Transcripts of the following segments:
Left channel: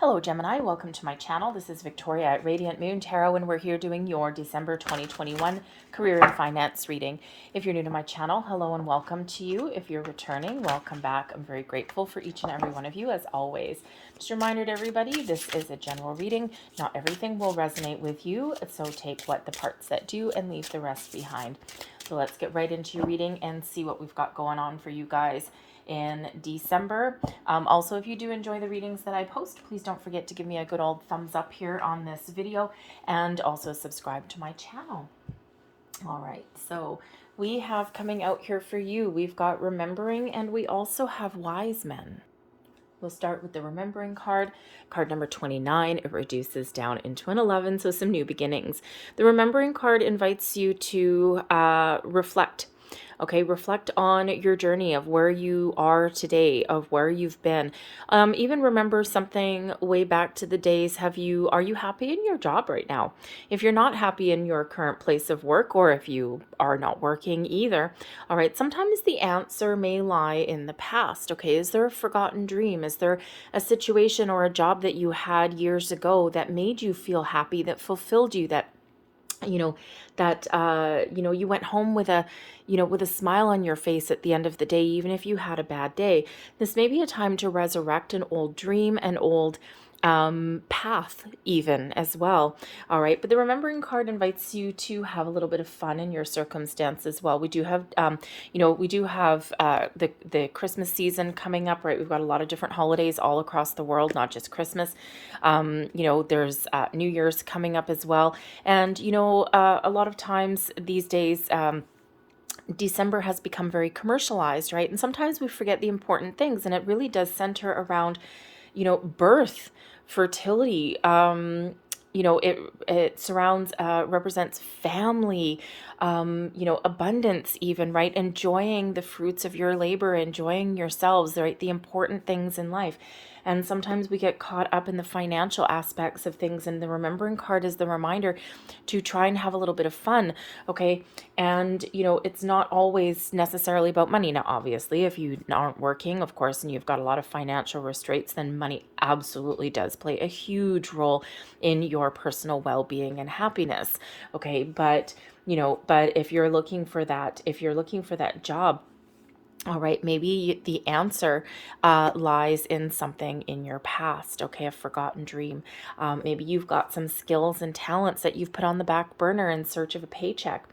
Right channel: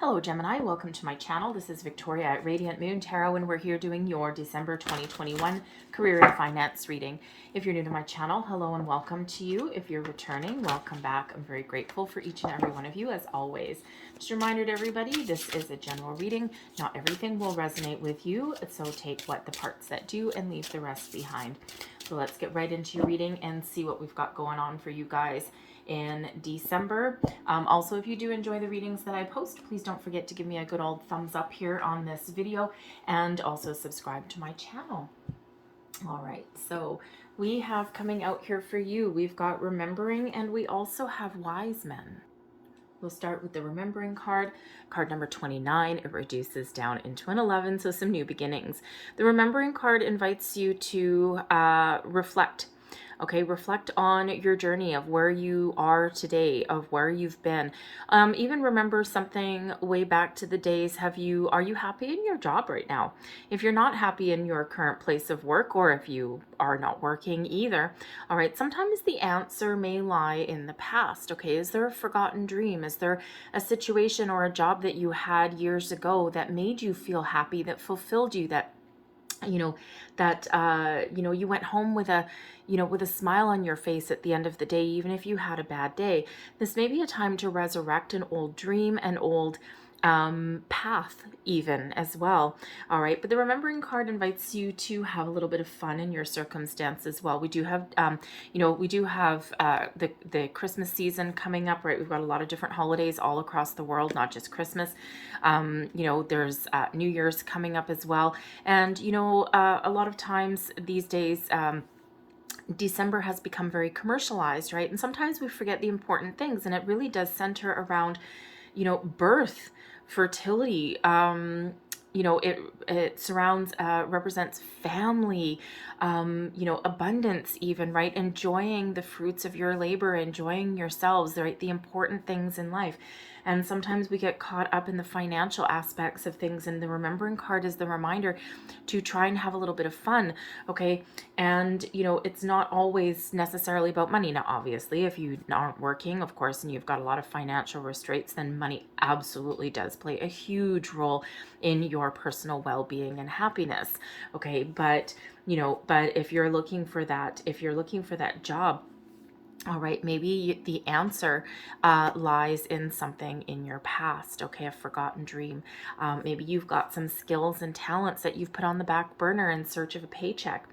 Hello Gemini, welcome to my channel. This is Victoria at Radiant Moon Tarot, and we're here doing your December 2021 career and finance reading. If you're new to my channel, hello and welcome to you. If you're returning, welcome back. I'm very grateful for each and every one of you as always. Just a reminder to everybody, this is a general reading. Not everything will resonate with you, so take what the parts that do and leave the rest behind. So let's get right into your reading and see what we've got going on for you guys in December. Also, if you do enjoy the readings that I post, please don't forget to give me a good old thumbs up here on this video and also subscribe to my channel. All right, so we have coming out here for you, we've got Remembering, and we also have Wise Men. We'll start with the Remembering card, card number 29. It reduces down into an 11, so some new beginnings. The Remembering card invites you to reflect. Okay, reflect on your journey of where you are today, of where you've been. Even remember something way back to the days. Are you happy in your job right now? If you're not happy in your current place of work, or if you are not working either, all right, sometimes the answer may lie in the past. Okay, is there a forgotten dream? Is there a situation or a job that you had years ago that made you feel happy, that fulfilled you, that you went home with a smile on your face at the end of the day, even if you had a bad day? This may be a time to resurrect an old dream, an old path even as well. All right, but the Remembering card invites you to have a little bit of fun in your circumstance as well. We do have the Christmas season coming up, right? We've got a lot of different holidays all across the world, not just Christmas. There's New Year's coming up as well, and a lot of times these days December has become very commercialized, right? And sometimes we forget the important things, and it really does center around birth, fertility. It surrounds, represents family, abundance even, right? Enjoying the fruits of your labor, enjoying yourselves, right? The important things in life. And sometimes we get caught up in the financial aspects of things, and the Remembering card is the reminder to try and have a little bit of fun, okay? And, it's not always necessarily about money. Now, obviously, if you aren't working, of course, and you've got a lot of financial restraints, then money absolutely does play a huge role in your personal well-being and happiness, okay? But if you're looking for that job, all right, maybe the answer lies in something in your past, okay, a forgotten dream. Maybe you've got some skills and talents that you've put on the back burner in search of a paycheck.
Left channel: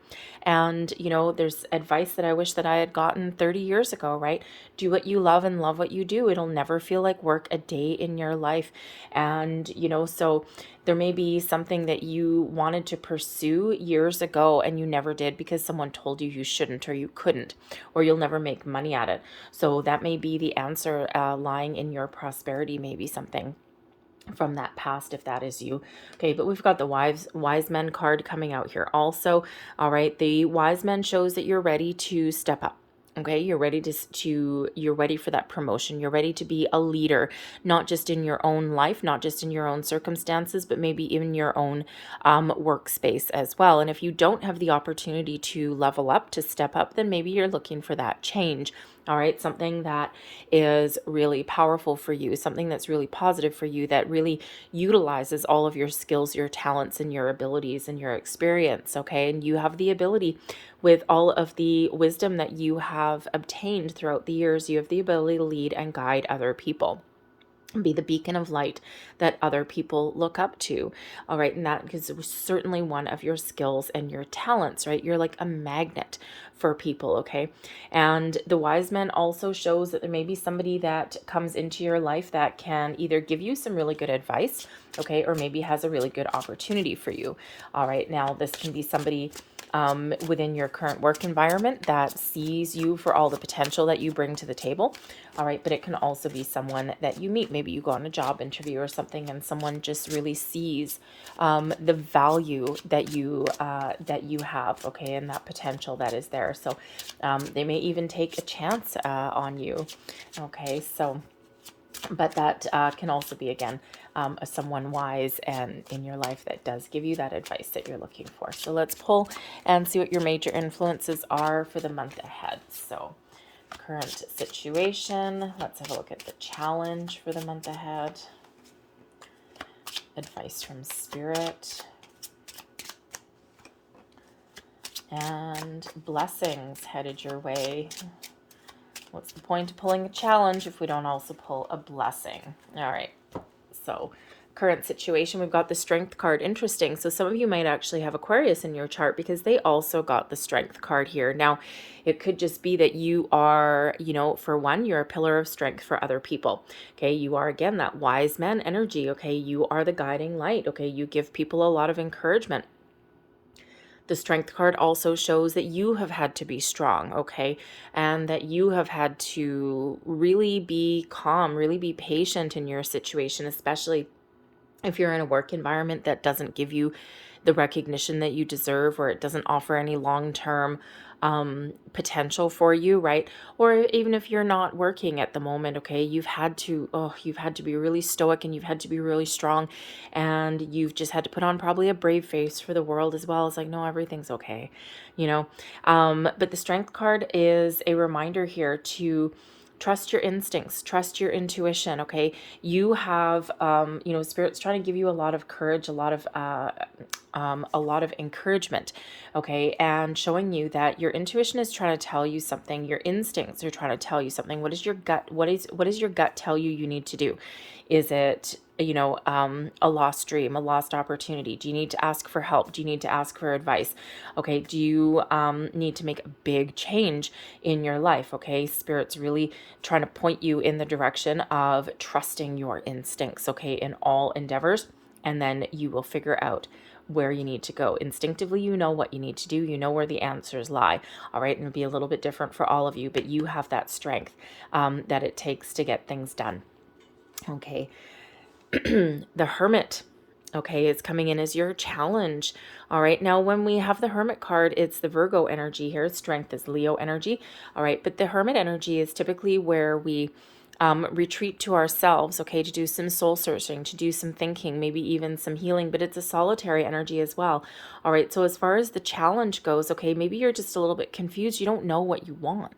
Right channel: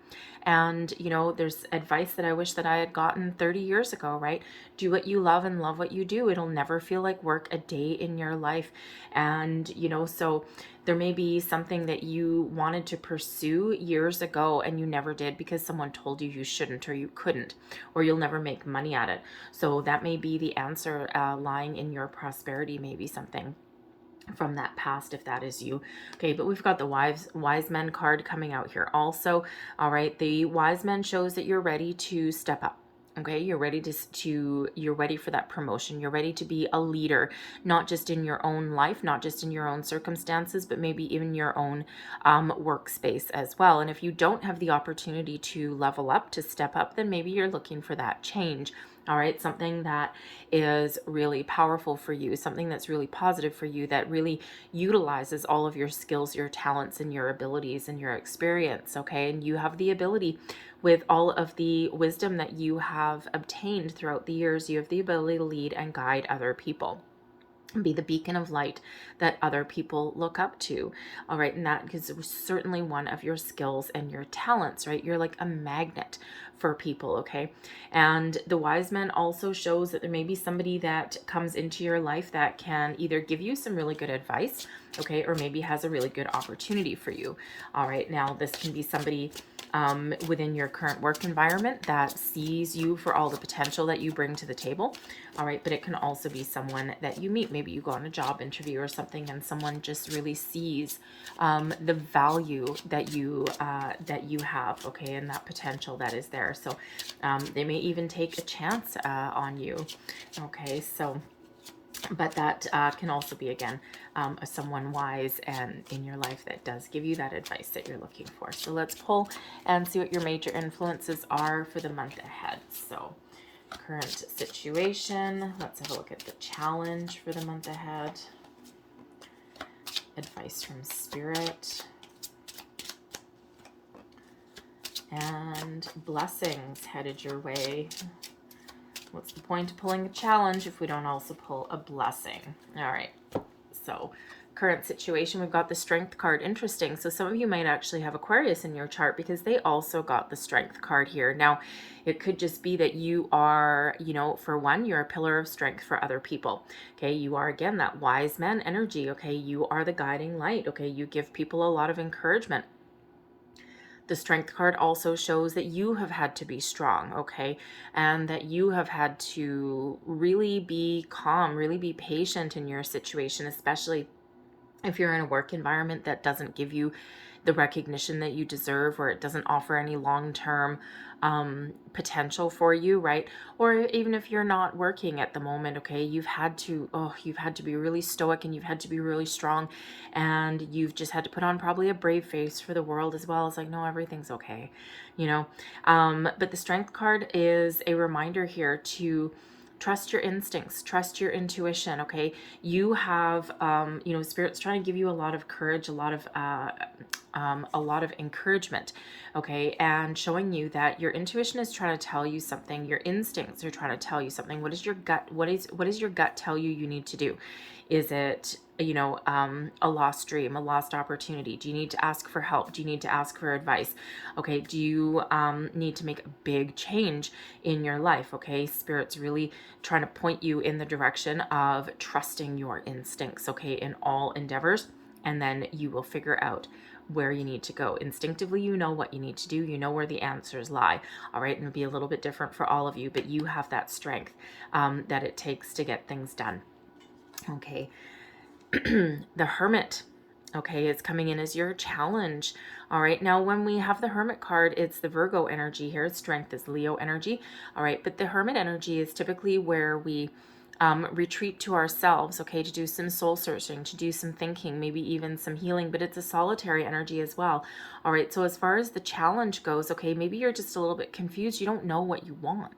And, there's advice that I wish that I had gotten 30 years ago, right? Do what you love and love what you do. It'll never feel like work a day in your life. And, so there may be something that you wanted to pursue years ago and you never did because someone told you shouldn't or you couldn't, or you'll never make money at it. So that may be the answer lying in your prosperity, maybe something from that past, if that is you. Okay, but we've got the wise men card coming out here also. All right, the Wise Men shows that you're ready to step up. Okay, you're ready you're ready for that promotion. You're ready to be a leader, not just in your own life, not just in your own circumstances, but maybe in your own workspace as well. And if you don't have the opportunity to level up, to step up, then maybe you're looking for that change. All right, something that is really powerful for you, something that's really positive for you, that really utilizes all of your skills, your talents, and your abilities and your experience, okay? And you have the ability, with all of the wisdom that you have obtained throughout the years, you have the ability to lead and guide other people. Be the beacon of light that other people look up to. All right, and that is certainly one of your skills and your talents, right? You're like a magnet for people, okay? And the Wise Men also shows that there may be somebody that comes into your life that can either give you some really good advice, okay, or maybe has a really good opportunity for you. All right, now this can be somebody within your current work environment that sees you for all the potential that you bring to the table. All right, but it can also be someone that you meet. Maybe you go on a job interview or something, and someone just really sees the value that you have, okay, and that potential that is there. So they may even take a chance on you, okay? So, but that can also be, again, someone wise and in your life that does give you that advice that you're looking for. So let's pull and see what your major influences are for the month ahead. So current situation, let's have a look at the challenge for the month ahead. advice from Spirit. And blessings headed your way. What's the point of pulling a challenge if we don't also pull a blessing? All right. So current situation, we've got the Strength card. Interesting. So some of you might actually have Aquarius in your chart because they also got the Strength card here. Now, it could just be that you are, you know, for one, you're a pillar of strength for other people. Okay. You are, again, that wise man energy. Okay. You are the guiding light. Okay. You give people a lot of encouragement. The Strength card also shows that you have had to be strong, okay? And that you have had to really be calm, really be patient in your situation, especially if you're in a work environment that doesn't give you the recognition that you deserve, or it doesn't offer any long-term potential for you, right? Or even if you're not working at the moment, okay, you've had to be really stoic, and you've had to be really strong, and you've just had to put on probably a brave face for the world as well. It's like, no, everything's okay, you know. But the Strength card is a reminder here to trust your instincts, trust your intuition. Okay, you have you know, Spirit's trying to give you a lot of courage, a lot of encouragement, okay, and showing you that your intuition is trying to tell you something, your instincts are trying to tell you something. What is your gut, what is your gut tell you need to do? Is it, you know, a lost dream, a lost opportunity? Do you need to ask for help? Do you need to ask for advice? Okay, do you need to make a big change in your life? Okay, Spirit's really trying to point you in the direction of trusting your instincts, okay, in all endeavors, and then you will figure out where you need to go. Instinctively, you know what you need to do. You know where the answers lie. All right, and it'll be a little bit different for all of you, but you have that strength that it takes to get things done. Okay. The Hermit, okay, is coming in as your challenge. All right, now when we have the Hermit card, it's the Virgo energy here. Strength is Leo energy. All right, but the Hermit energy is typically where we retreat to ourselves, okay, to do some soul searching, to do some thinking, maybe even some healing, but it's a solitary energy as well. All right, so as far as the challenge goes, okay, maybe you're just a little bit confused. You don't know what you want.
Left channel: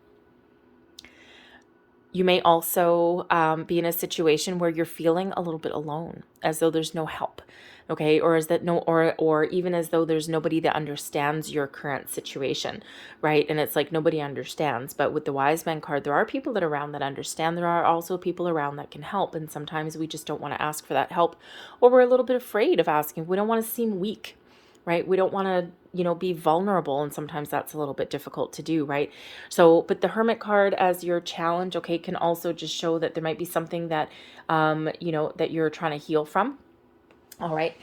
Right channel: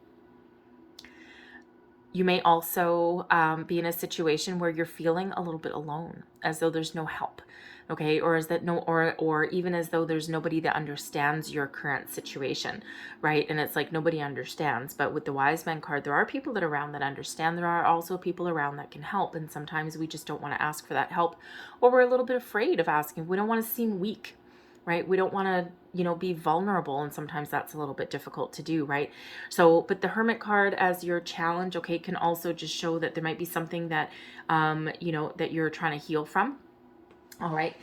You may also be in a situation where you're feeling a little bit alone, as though there's no help, okay, or is that no, or even as though there's nobody that understands your current situation, right? And it's like nobody understands. But with the Wise Man card, there are people that are around that understand. There are also people around that can help, and sometimes we just don't want to ask for that help, or we're a little bit afraid of asking. We don't want to seem weak, right? We don't want to, you know, be vulnerable, and sometimes that's a little bit difficult to do, right? So, but the Hermit card as your challenge, okay, can also just show that there might be something that, you know, that you're trying to heal from. All right.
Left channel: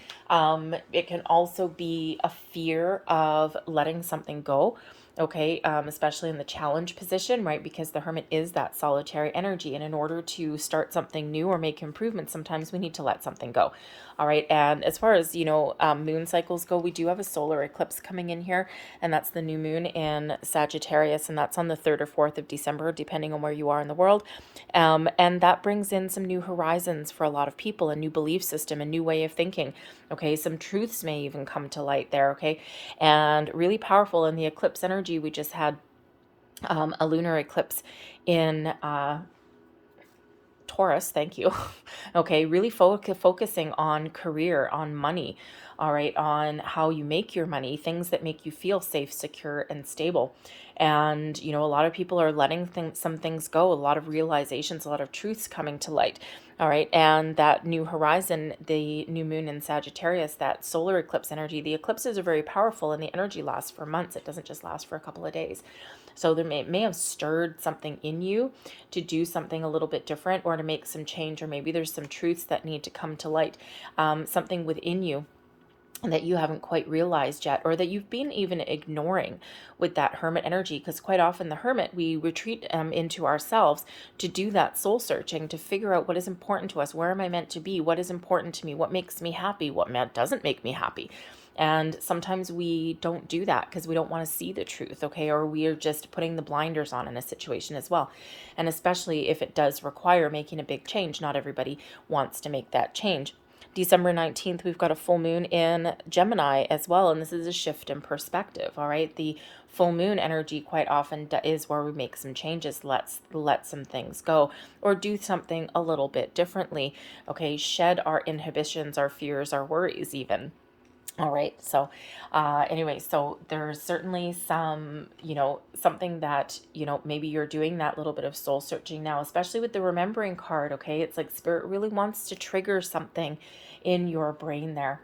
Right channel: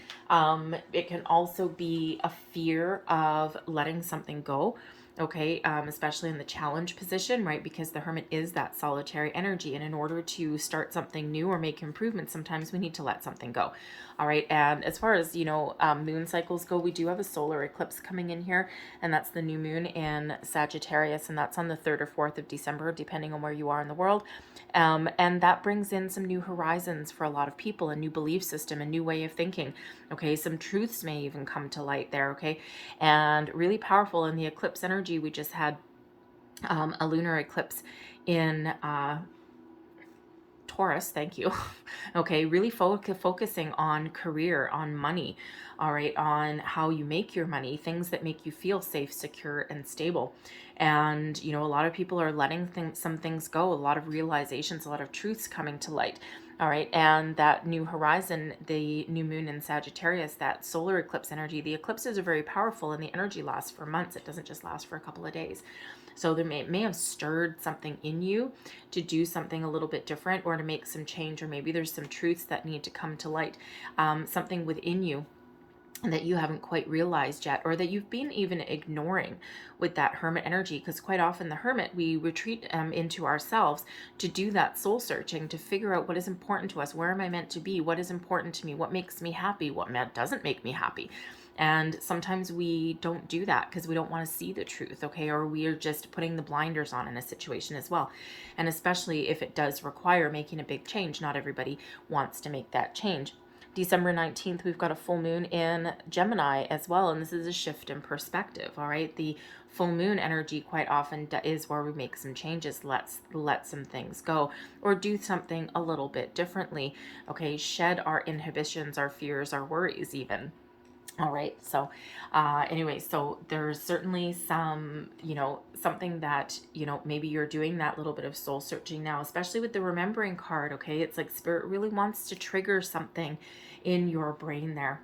It can also be a fear of letting something go. Okay, especially in the challenge position, right? Because the Hermit is that solitary energy, and in order to start something new or make improvements, sometimes we need to let something go. All right, and as far as, you know, moon cycles go, we do have a solar eclipse coming in here, and that's the new moon in Sagittarius, and that's on the 3rd or 4th of December, depending on where you are in the world. And that brings in some new horizons for a lot of people, a new belief system, a new way of thinking. Okay, some truths may even come to light there, okay? And really powerful. In the eclipse energy, we just had a lunar eclipse in Taurus, thank you. Okay, really focusing on career, on money, all right, on how you make your money, things that make you feel safe, secure, and stable. And, you know, a lot of people are letting some things go, a lot of realizations, a lot of truths coming to light. All right, and that new horizon, the new moon in Sagittarius, that solar eclipse energy, the eclipses are very powerful, and the energy lasts for months. It doesn't just last for a couple of days. So there may have stirred something in you to do something a little bit different, or to make some change, or maybe there's some truths that need to come to light, something within you that you haven't quite realized yet, or that you've been even ignoring with that Hermit energy. Because quite often the Hermit, we retreat into ourselves to do that soul searching, to figure out what is important to us, where am I meant to be, what is important to me, what makes me happy, what doesn't make me happy. And sometimes we don't do that because we don't want to see the truth, okay? Or we are just putting the blinders on in a situation as well. And especially if it does require making a big change, not everybody wants to make that change. December 19th, we've got a full moon in Gemini as well, and this is a shift in perspective, all right? The full moon energy quite often is where we make some changes, let some things go, or do something a little bit differently. Okay, shed our inhibitions, our fears, our worries even. All right. So, anyway, so there's certainly some, something that, maybe you're doing that little bit of soul searching now, especially with the remembering card. Okay. It's like Spirit really wants to trigger something in your brain there.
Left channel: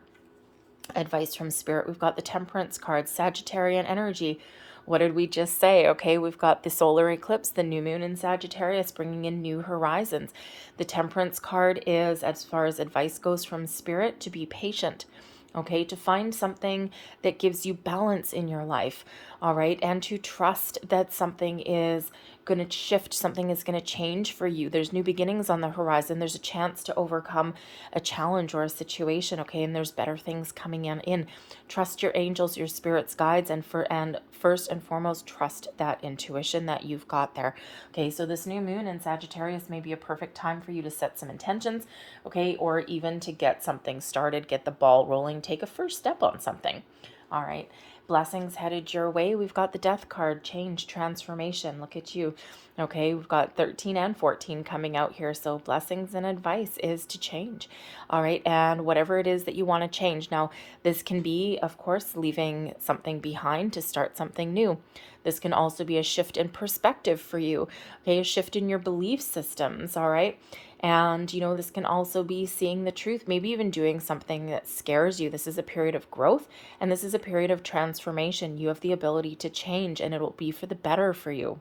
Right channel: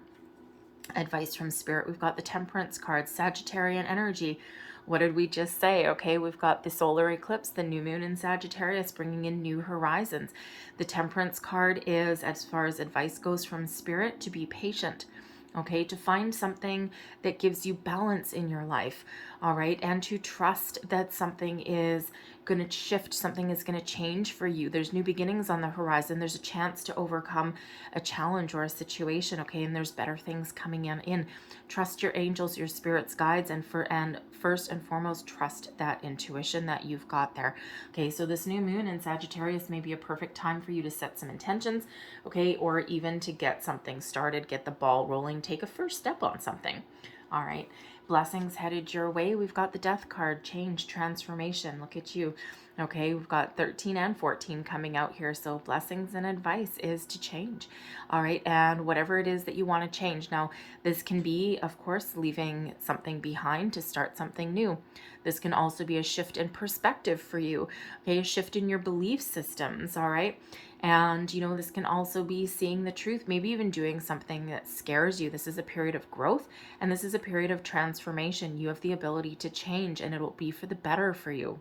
Advice from Spirit. We've got the Temperance card, Sagittarian energy. What did we just say? Okay, we've got the solar eclipse, the new moon in Sagittarius, bringing in new horizons. The Temperance card is, as far as advice goes from Spirit, to be patient. Okay, to find something that gives you balance in your life, all right, and to trust that something is going to shift, something is going to change for you. There's new beginnings on the horizon. There's a chance to overcome a challenge or a situation, okay, and there's better things coming in. Trust your angels, your spirits, guides, and first and foremost, trust that intuition that you've got there. Okay, so this new moon in Sagittarius may be a perfect time for you to set some intentions, okay, or even to get something started, get the ball rolling, take a first step on something. All right, blessings headed your way. We've got the Death card, change, transformation. Look at you. Okay, we've got 13 and 14 coming out here. So blessings and advice is to change. All right, and whatever it is that you want to change. Now, this can be, of course, leaving something behind to start something new. This can also be a shift in perspective for you. Okay, a shift in your belief systems. All right. And, this can also be seeing the truth, maybe even doing something that scares you. This is a period of growth, and this is a period of transformation. You have the ability to change, and it'll be for the better for you.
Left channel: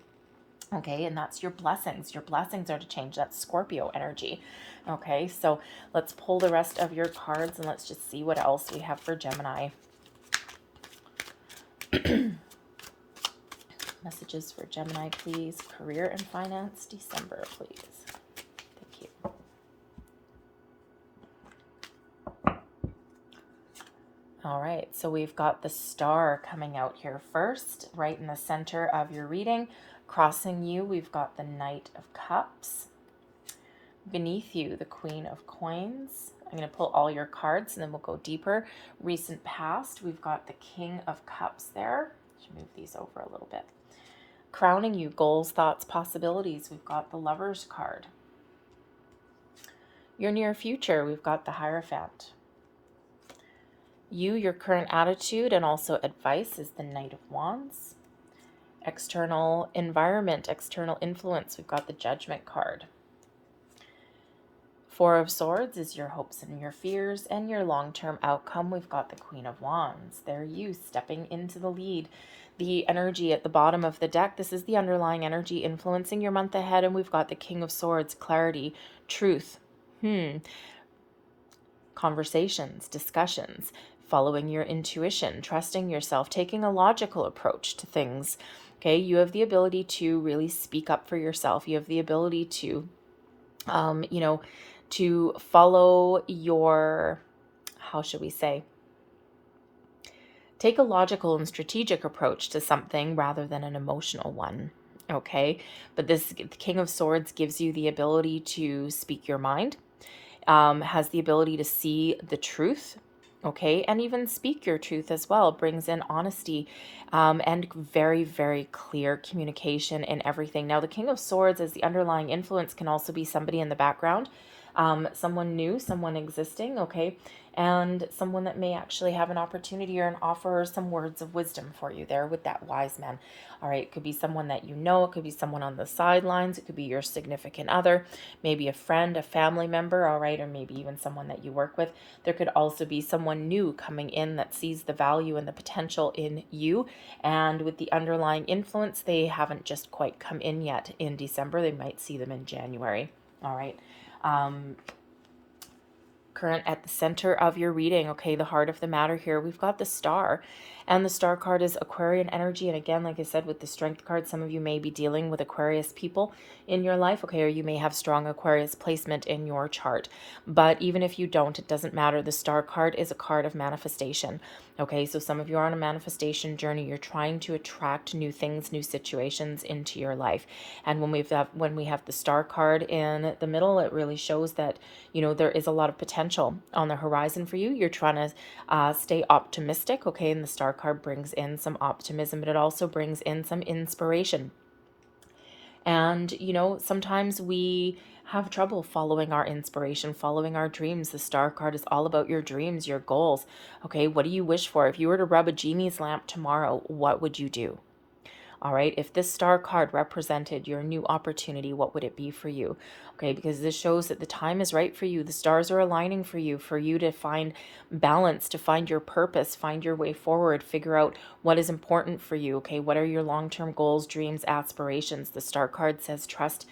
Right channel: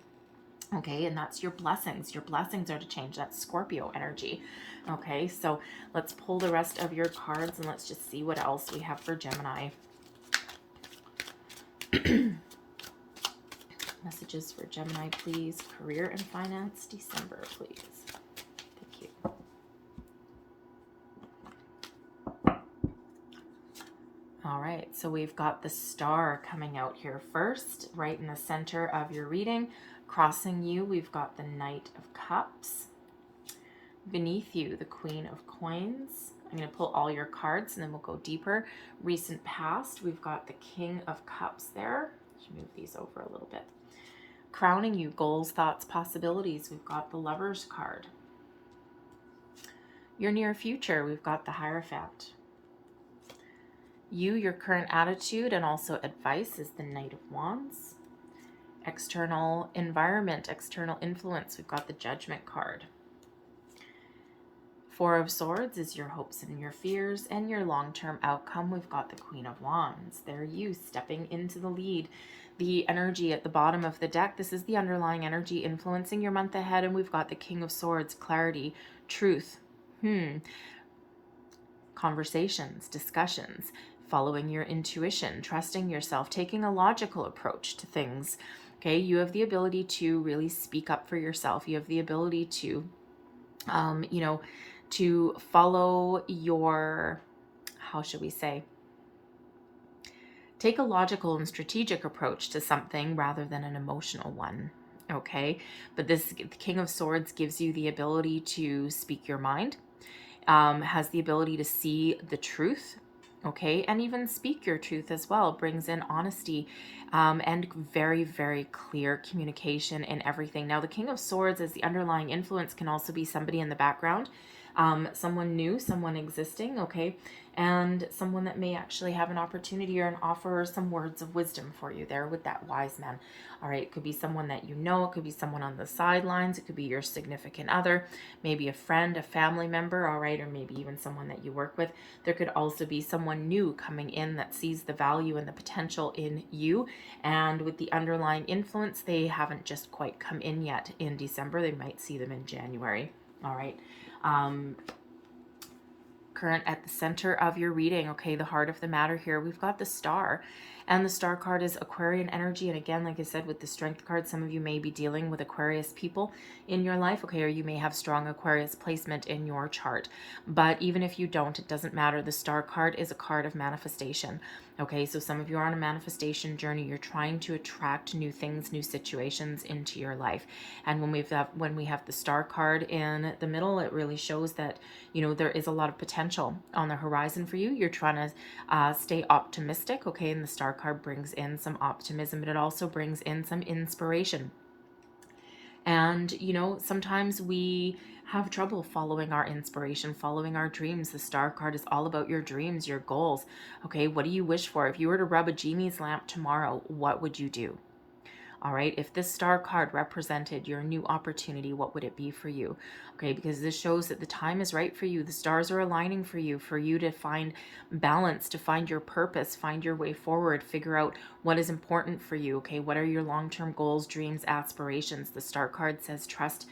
Okay, and that's your blessings. Your blessings are to change. That's Scorpio energy. Okay, so let's pull the rest of your cards, and let's just see what else we have for Gemini. Messages for Gemini, please. Career and finance, December, please. All right, so we've got the Star coming out here first, right in the center of your reading. Crossing you, we've got the Knight of Cups. Beneath you, the Queen of Coins. I'm going to pull all your cards and then we'll go deeper. Recent past, we've got the King of Cups there. Should move these over a little bit. Crowning you, goals, thoughts, possibilities. We've got the Lovers card. Your near future, we've got the Hierophant. You, your current attitude, and also advice is the Knight of Wands. External environment, external influence, we've got the Judgment card. Four of Swords is your hopes and your fears, and your long-term outcome, we've got the Queen of Wands. There you, stepping into the lead. The energy at the bottom of the deck, this is the underlying energy influencing your month ahead, and we've got the King of Swords, clarity, truth, conversations, discussions, following your intuition, trusting yourself, taking a logical approach to things. Okay, you have the ability to really speak up for yourself. You have the ability to, to follow your, how should we say, take a logical and strategic approach to something rather than an emotional one. Okay, but this King of Swords gives you the ability to speak your mind, has the ability to see the truth, okay, and even speak your truth as well. Brings in honesty and very, very clear communication in everything. Now, the King of Swords as the underlying influence can also be somebody in the background, someone new, someone existing, okay, and someone that may actually have an opportunity or an offer or some words of wisdom for you there with that Wise Man. All right, it could be someone that you know, it could be someone on the sidelines, it could be your significant other, maybe a friend, a family member, all right, or maybe even someone that you work with. There could also be someone new coming in that sees the value and the potential in you, and with the underlying influence, they haven't just quite come in yet in December. They might see them in January. All right. Current at the center of your reading, okay, the heart of the matter here, we've got the Star, and the Star card is Aquarian energy. And again, like I said, with the Strength card, some of you may be dealing with Aquarius people in your life, okay, or you may have strong Aquarius placement in your chart. But even if you don't, it doesn't matter. The Star card is a card of manifestation. Okay, so some of you are on a manifestation journey. You're trying to attract new things, new situations into your life. And when we have the Star card in the middle, it really shows that, there is a lot of potential on the horizon for you. You're trying to stay optimistic, okay? And the Star card brings in some optimism, but it also brings in some inspiration. And, you know, sometimes we have trouble following our inspiration, following our dreams. The Star card is all about your dreams, your goals. Okay, what do you wish for? If you were to rub a genie's lamp tomorrow, what would you do? All right, if this Star card represented your new opportunity, what would it be for you? Okay, because this shows that the time is right for you. The stars are aligning for you to find balance, to find your purpose, find your way forward, figure out what is important for you. Okay, what are your long-term goals, dreams, aspirations? The Star card says trust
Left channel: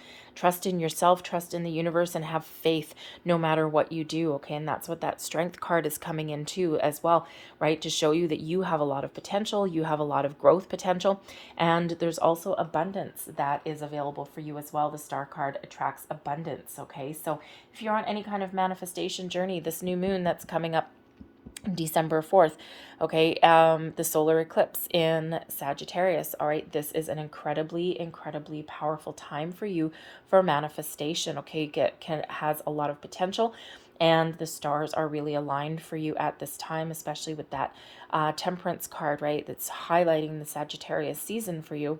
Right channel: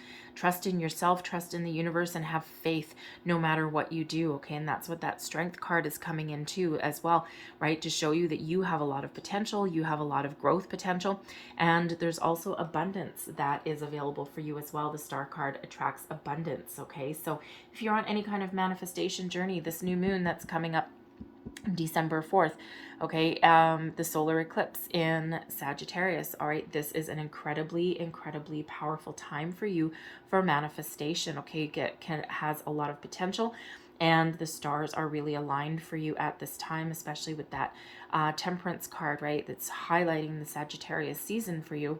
in yourself, trust in the universe, and have faith no matter what you do. Okay, and that's what that Strength card is coming into as well, right? To show you that you have a lot of potential, you have a lot of growth potential, and there's also abundance that is available for you as well. The Star card attracts abundance. Okay, so if you're on any kind of manifestation journey, this new moon that's coming up December 4th, okay, the solar eclipse in Sagittarius, all right, this is an incredibly powerful time for you for manifestation. Okay, has a lot of potential, and the stars are really aligned for you at this time, especially with that Temperance card, right, that's highlighting the Sagittarius season for you,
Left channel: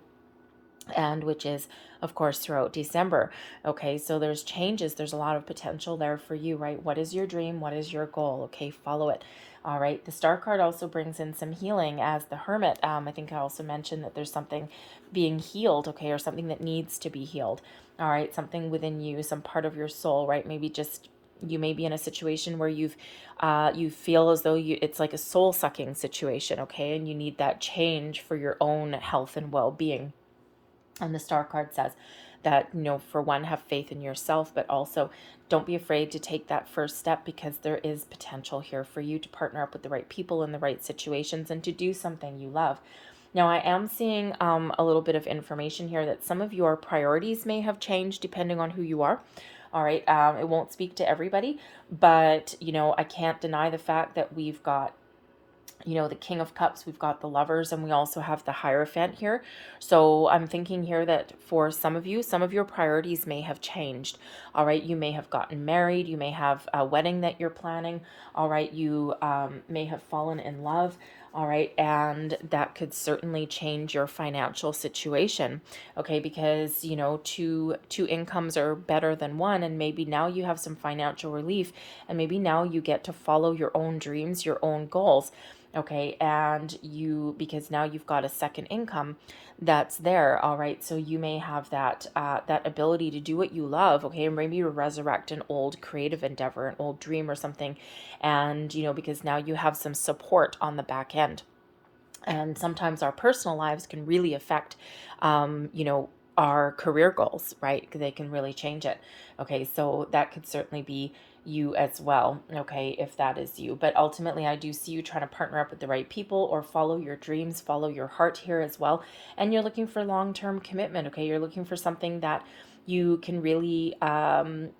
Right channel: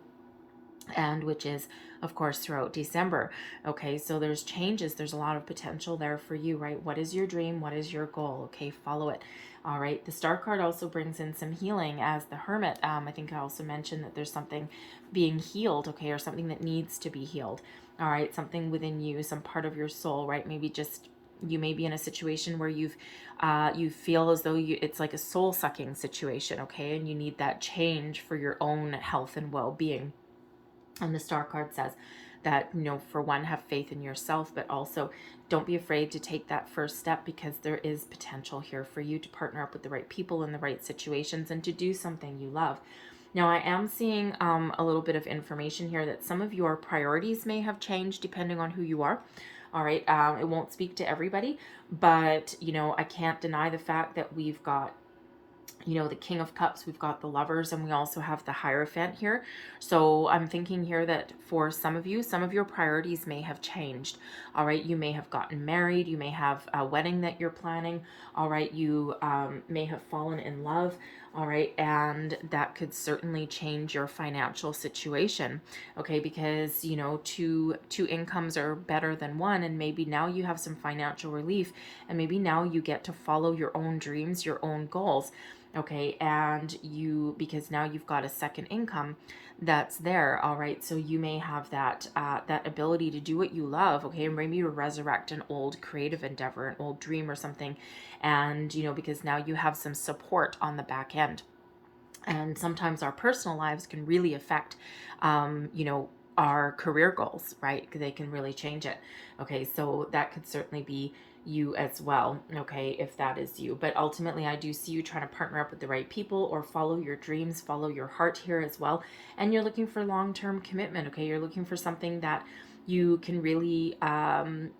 and which is of course throughout December. Okay, so there's changes, there's a lot of potential there for you, right? What is your dream? What is your goal? Okay, follow it. All right, the Star card also brings in some healing as the Hermit. I think I also mentioned that there's something being healed, okay, or something that needs to be healed. All right, something within you, some part of your soul, right? Maybe just you may be in a situation where you feel as though it's like a soul sucking situation, okay, and you need that change for your own health and well-being. And the Star card says that, you know, for one, have faith in yourself, but also don't be afraid to take that first step, because there is potential here for you to partner up with the right people in the right situations and to do something you love. Now, I am seeing a little bit of information here that some of your priorities may have changed depending on who you are. All right, it won't speak to everybody, but, you know, I can't deny the fact that we've got, you know, the King of Cups, we've got the Lovers, and we also have the Hierophant here. So I'm thinking here that for some of you, some of your priorities may have changed. All right, you may have gotten married, you may have a wedding that you're planning. All right, you may have fallen in love. All right, and that could certainly change your financial situation. Okay, because, you know, two incomes are better than one, and maybe now you have some financial relief, and maybe now you get to follow your own dreams, your own goals. Okay, and because now you've got a second income that's there. All right, so you may have that that ability to do what you love. Okay, and maybe to resurrect an old creative endeavor, an old dream or something, and, you know, because now you have some support on the back end. And sometimes our personal lives can really affect you know, our career goals, right? They can really change it. Okay, so that could certainly be you as well, okay, if that is you. But ultimately, I do see you trying to partner up with the right people or follow your dreams, follow your heart here as well. And you're looking for long-term commitment, okay? You're looking for something that you can really,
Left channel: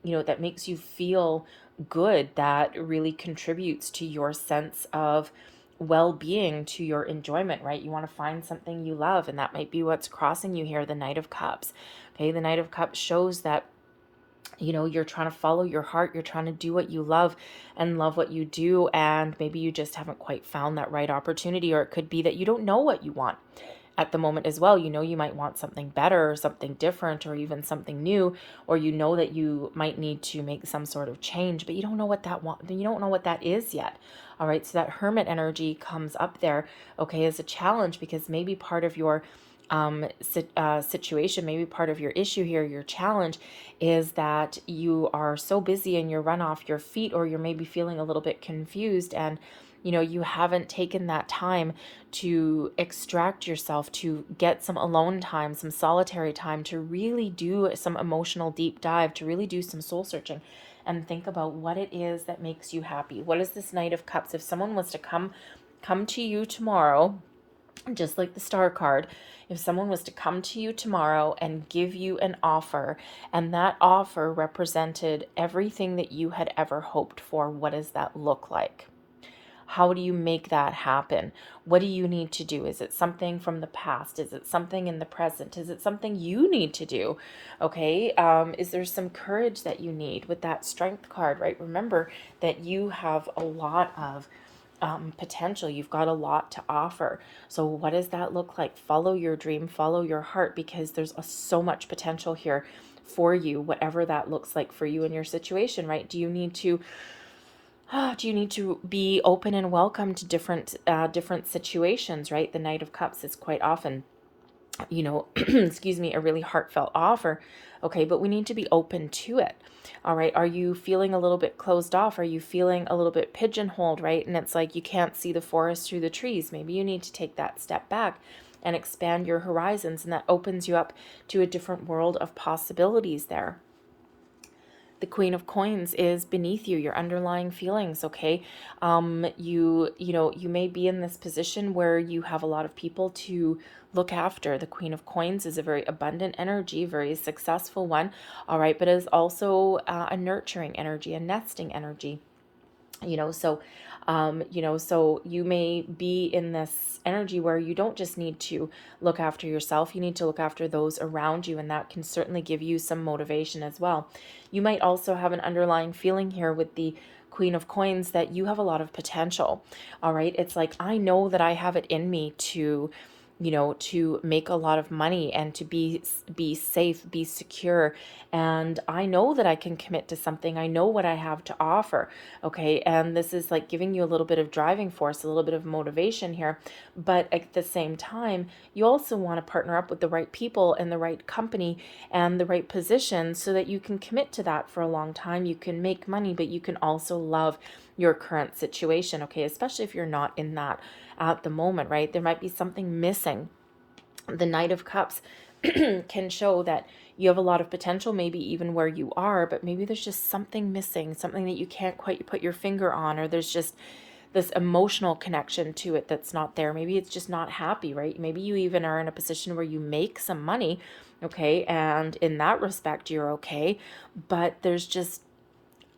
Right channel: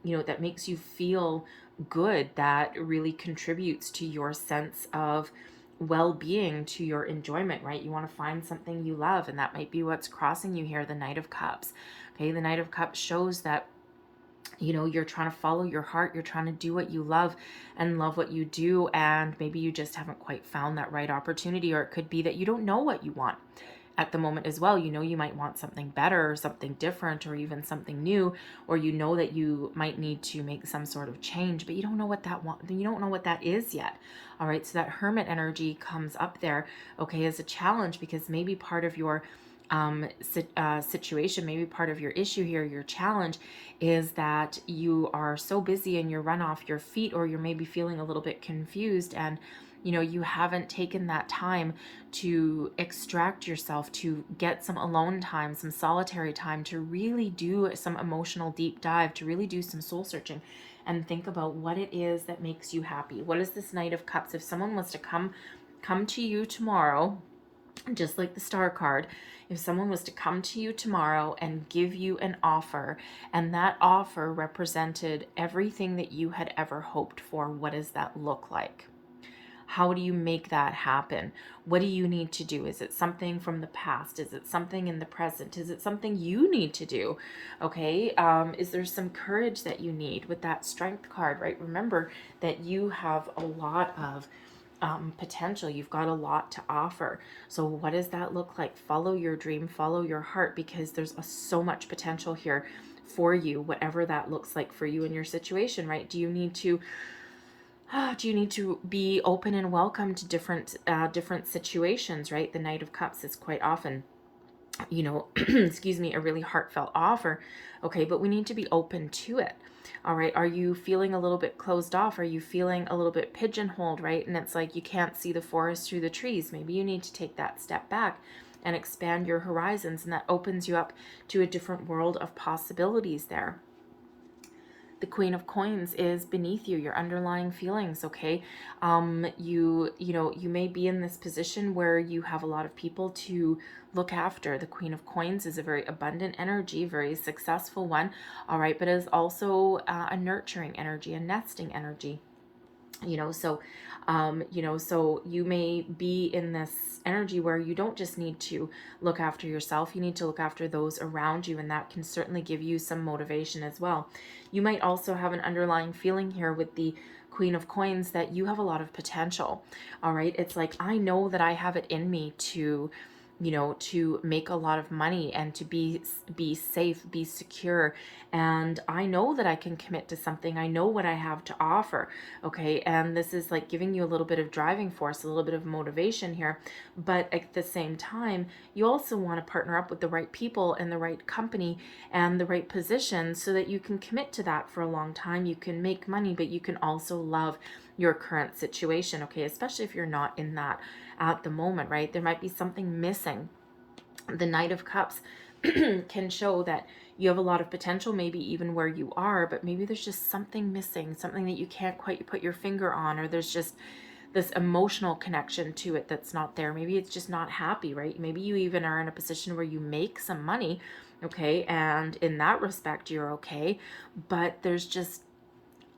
you know, that makes you feel good, that really contributes to your sense of well-being, to your enjoyment, right? You want to find something you love, and that might be what's crossing you here, the Knight of Cups. Okay, the Knight of Cups shows that, you know, you're trying to follow your heart, you're trying to do what you love and love what you do, and maybe you just haven't quite found that right opportunity, or it could be that you don't know what you want at the moment as well. You know, you might want something better or something different or even something new, or you know that you might need to make some sort of change, but you don't know what you don't know what that is yet. All right, so that Hermit energy comes up there, okay, as a challenge, because maybe part of your situation, maybe part of your issue here, your challenge, is that you are so busy and you're run off your feet, or you're maybe feeling a little bit confused, and, you know, you haven't taken that time to extract yourself, to get some alone time, some solitary time, to really do some emotional deep dive, to really do some soul searching and think about what it is that makes you happy. What is this Knight of Cups? If someone was to come to you tomorrow, just like the Star card, if someone was to come to you tomorrow and give you an offer, and that offer represented everything that you had ever hoped for, what does that look like? How do you make that happen? What do you need to do? Is it something from the past? Is it something in the present? Is it something you need to do? Okay. Is there some courage that you need with that Strength card, right? Remember that you have a lot of potential. You've got a lot to offer. So what does that look like? Follow your dream, follow your heart, because there's so much potential here for you, whatever that looks like for you in your situation, right? Do you need to be open and welcome to different situations, right? The Knight of Cups is quite often, excuse me, a really heartfelt offer. Okay, but we need to be open to it. All right, are you feeling a little bit closed off? Are you feeling a little bit pigeonholed, right? And it's like you can't see the forest through the trees. Maybe you need to take that step back and expand your horizons, and that opens you up to a different world of possibilities there. The Queen of Coins is beneath you, your underlying feelings, okay? You may be in this position where you have a lot of people to look after. The Queen of Coins is a very abundant energy, very successful one, all right, but is also a nurturing energy, a nesting energy. So you may be in this energy where you don't just need to look after yourself, you need to look after those around you, and that can certainly give you some motivation as well. You might also have an underlying feeling here with the Queen of Coins that you have a lot of potential. All right, it's like, I know that I have it in me to make a lot of money and to be safe, be secure. And I know that I can commit to something. I know what I have to offer. Okay. And this is like giving you a little bit of driving force, a little bit of motivation here. But at the same time, you also want to partner up with the right people and the right company and the right position so that you can commit to that for a long time. You can make money, but you can also love your current situation. Okay. Especially if you're not in that at the moment, right? There might be something missing. The Knight of Cups can show that you have a lot of potential, maybe even where you are, but maybe there's just something missing, something that you can't quite put your finger on, or there's just this emotional connection to it that's not there. Maybe it's just not happy, right? Maybe you even are in a position where you make some money, okay, and in that respect you're okay, but there's just,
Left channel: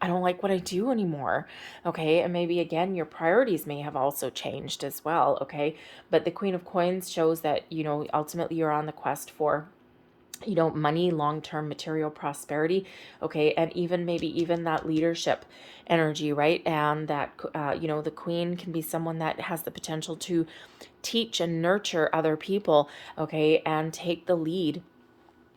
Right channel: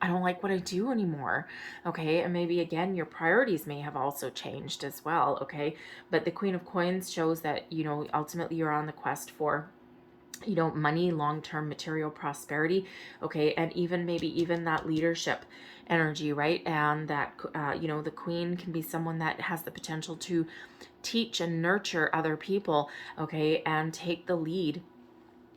I don't like what I do anymore. Okay. And maybe again, your priorities may have also changed as well. Okay. But the Queen of Coins shows that, ultimately you're on the quest for, money, long-term material prosperity. Okay. And maybe even that leadership energy, right? And that, the Queen can be someone that has the potential to teach and nurture other people. Okay. And take the lead.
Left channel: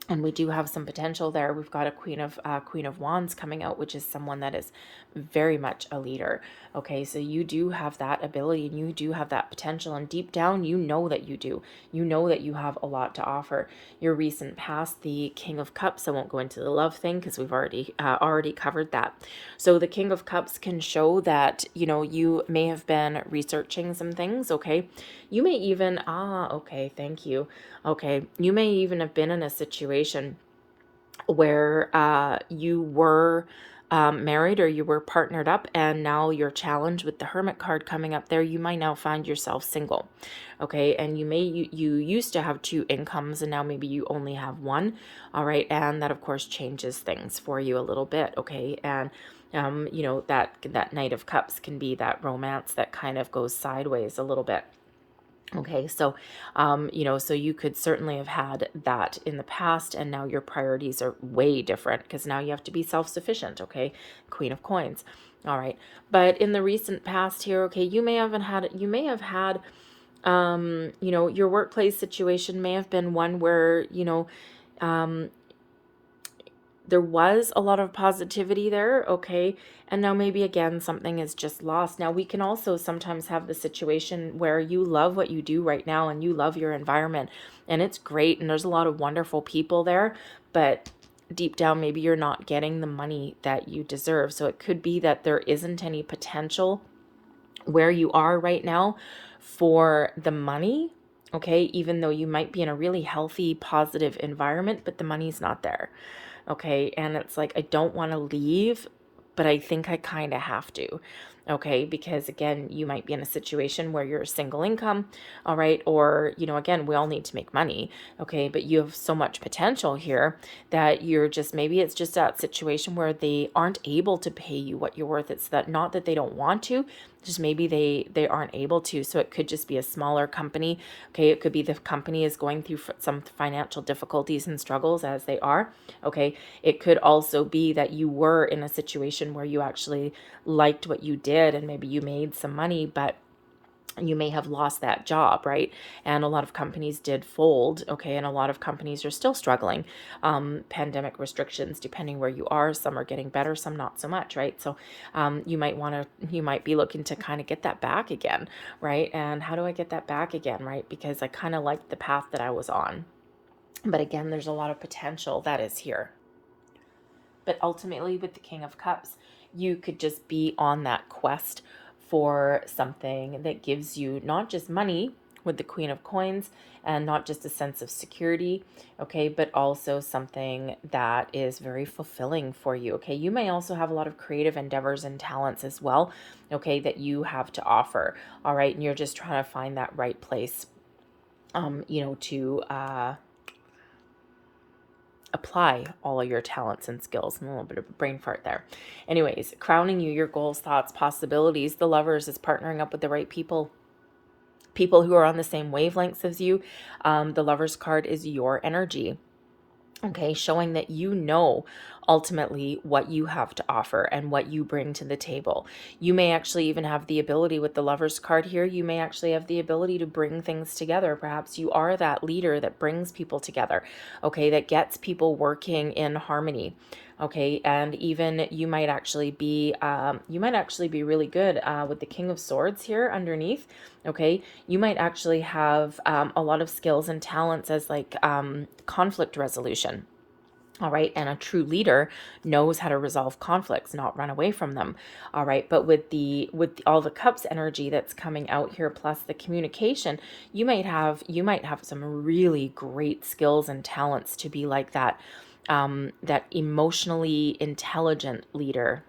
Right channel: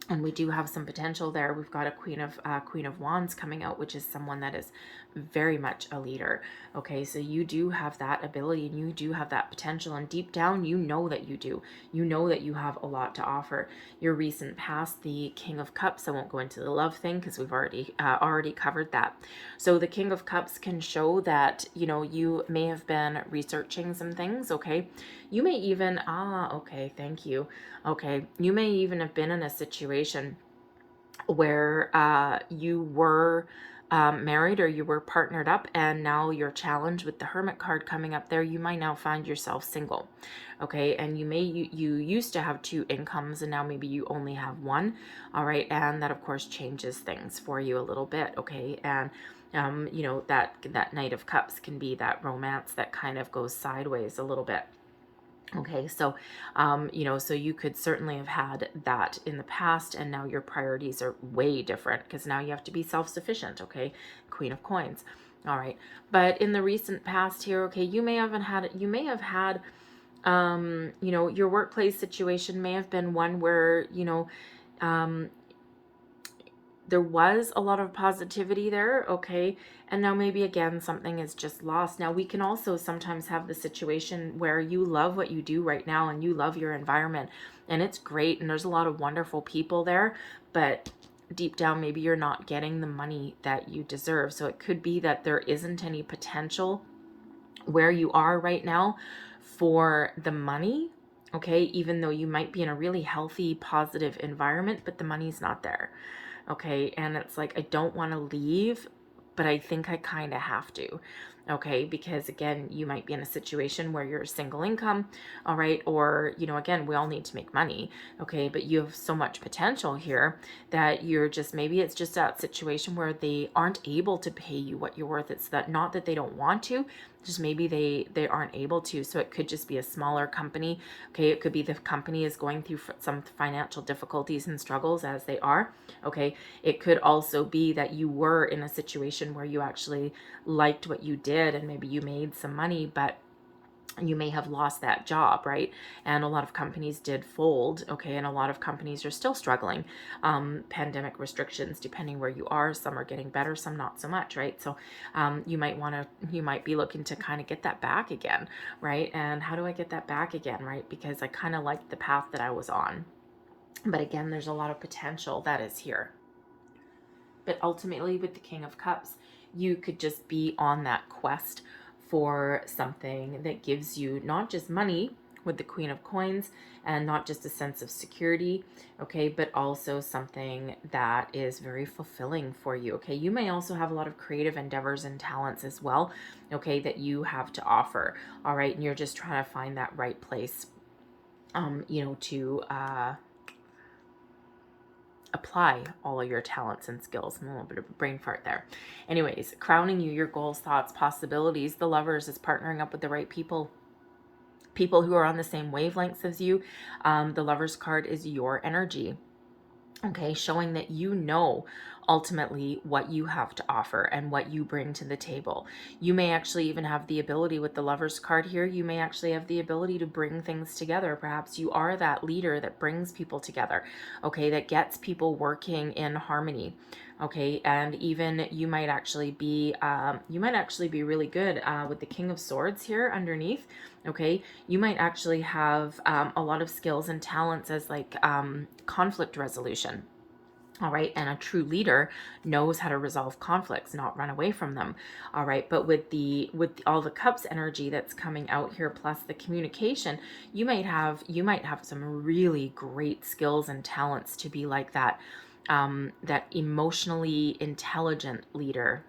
And we do have some potential there. We've got a Queen of Wands coming out, which is someone that is very much a leader. Okay, so you do have that ability and you do have that potential, and deep down you know that you do. You know that you have a lot to offer. Your recent past, the King of Cups, I won't go into the love thing because we've already covered that. So the King of Cups can show that, you may have been researching some things. Okay, you may even okay, thank you. Okay, you may even have been in a situation where you were married or you were partnered up, and now you're challenged with the Hermit card coming up there. You might now find yourself single. Okay, and you used to have two incomes, and now maybe you only have one. All right, and that of course changes things for you a little bit. Okay, and that Knight of Cups can be that romance that kind of goes sideways a little bit. Okay, so, so you could certainly have had that in the past, and now your priorities are way different because now you have to be self-sufficient. Okay, Queen of Coins. All right, but in the recent past here, okay, you may have had, your workplace situation may have been one where, there was a lot of positivity there, okay, and now maybe again something is just lost. Now we can also sometimes have the situation where you love what you do right now and you love your environment and it's great and there's a lot of wonderful people there, but deep down maybe you're not getting the money that you deserve. So it could be that there isn't any potential where you are right now for the money, okay, even though you might be in a really healthy, positive environment, but the money's not there. Okay, and it's like, I don't want to leave, but I think I kind of have to. Okay, because again, you might be in a situation where you're a single income, all right, or, again, we all need to make money, okay, but you have so much potential here that maybe it's just that situation where they aren't able to pay you what you're worth. It's that, not that they don't want to, just maybe they aren't able to. So it could just be a smaller company. Okay, it could be the company is going through some financial difficulties and struggles as they are. Okay, it could also be that you were in a situation where you actually liked what you did did, and maybe you made some money, but you may have lost that job, right? And a lot of companies did fold, okay? And a lot of companies are still struggling. Pandemic restrictions, depending where you are, some are getting better, some not so much, right? So you might be looking to kind of get that back again, right? And how do I get that back again, right? Because I kind of liked the path that I was on. But again, there's a lot of potential that is here. But ultimately, with the King of Cups, you could just be on that quest for something that gives you not just money with the Queen of Coins and not just a sense of security, okay, but also something that is very fulfilling for you, okay? You may also have a lot of creative endeavors and talents as well, okay, that you have to offer, all right? And you're just trying to find that right place, to apply all of your talents and skills. And a little bit of brain fart there. Anyways, crowning you, your goals, thoughts, possibilities. The Lovers is partnering up with the right people who are on the same wavelengths as you. The Lovers card is your energy. Okay, showing that you know ultimately what you have to offer and what you bring to the table. You may actually even have the ability with the Lovers card here, you may actually have the ability to bring things together. Perhaps you are that leader that brings people together, okay, that gets people working in harmony. Okay, and even you might actually be really good with the King of Swords here underneath. Okay, you might actually have a lot of skills and talents as like conflict resolution. All right, and a true leader knows how to resolve conflicts, not run away from them. All right, but with all the cups energy that's coming out here, plus the communication, you might have some really great skills and talents to be like that. That emotionally intelligent leader.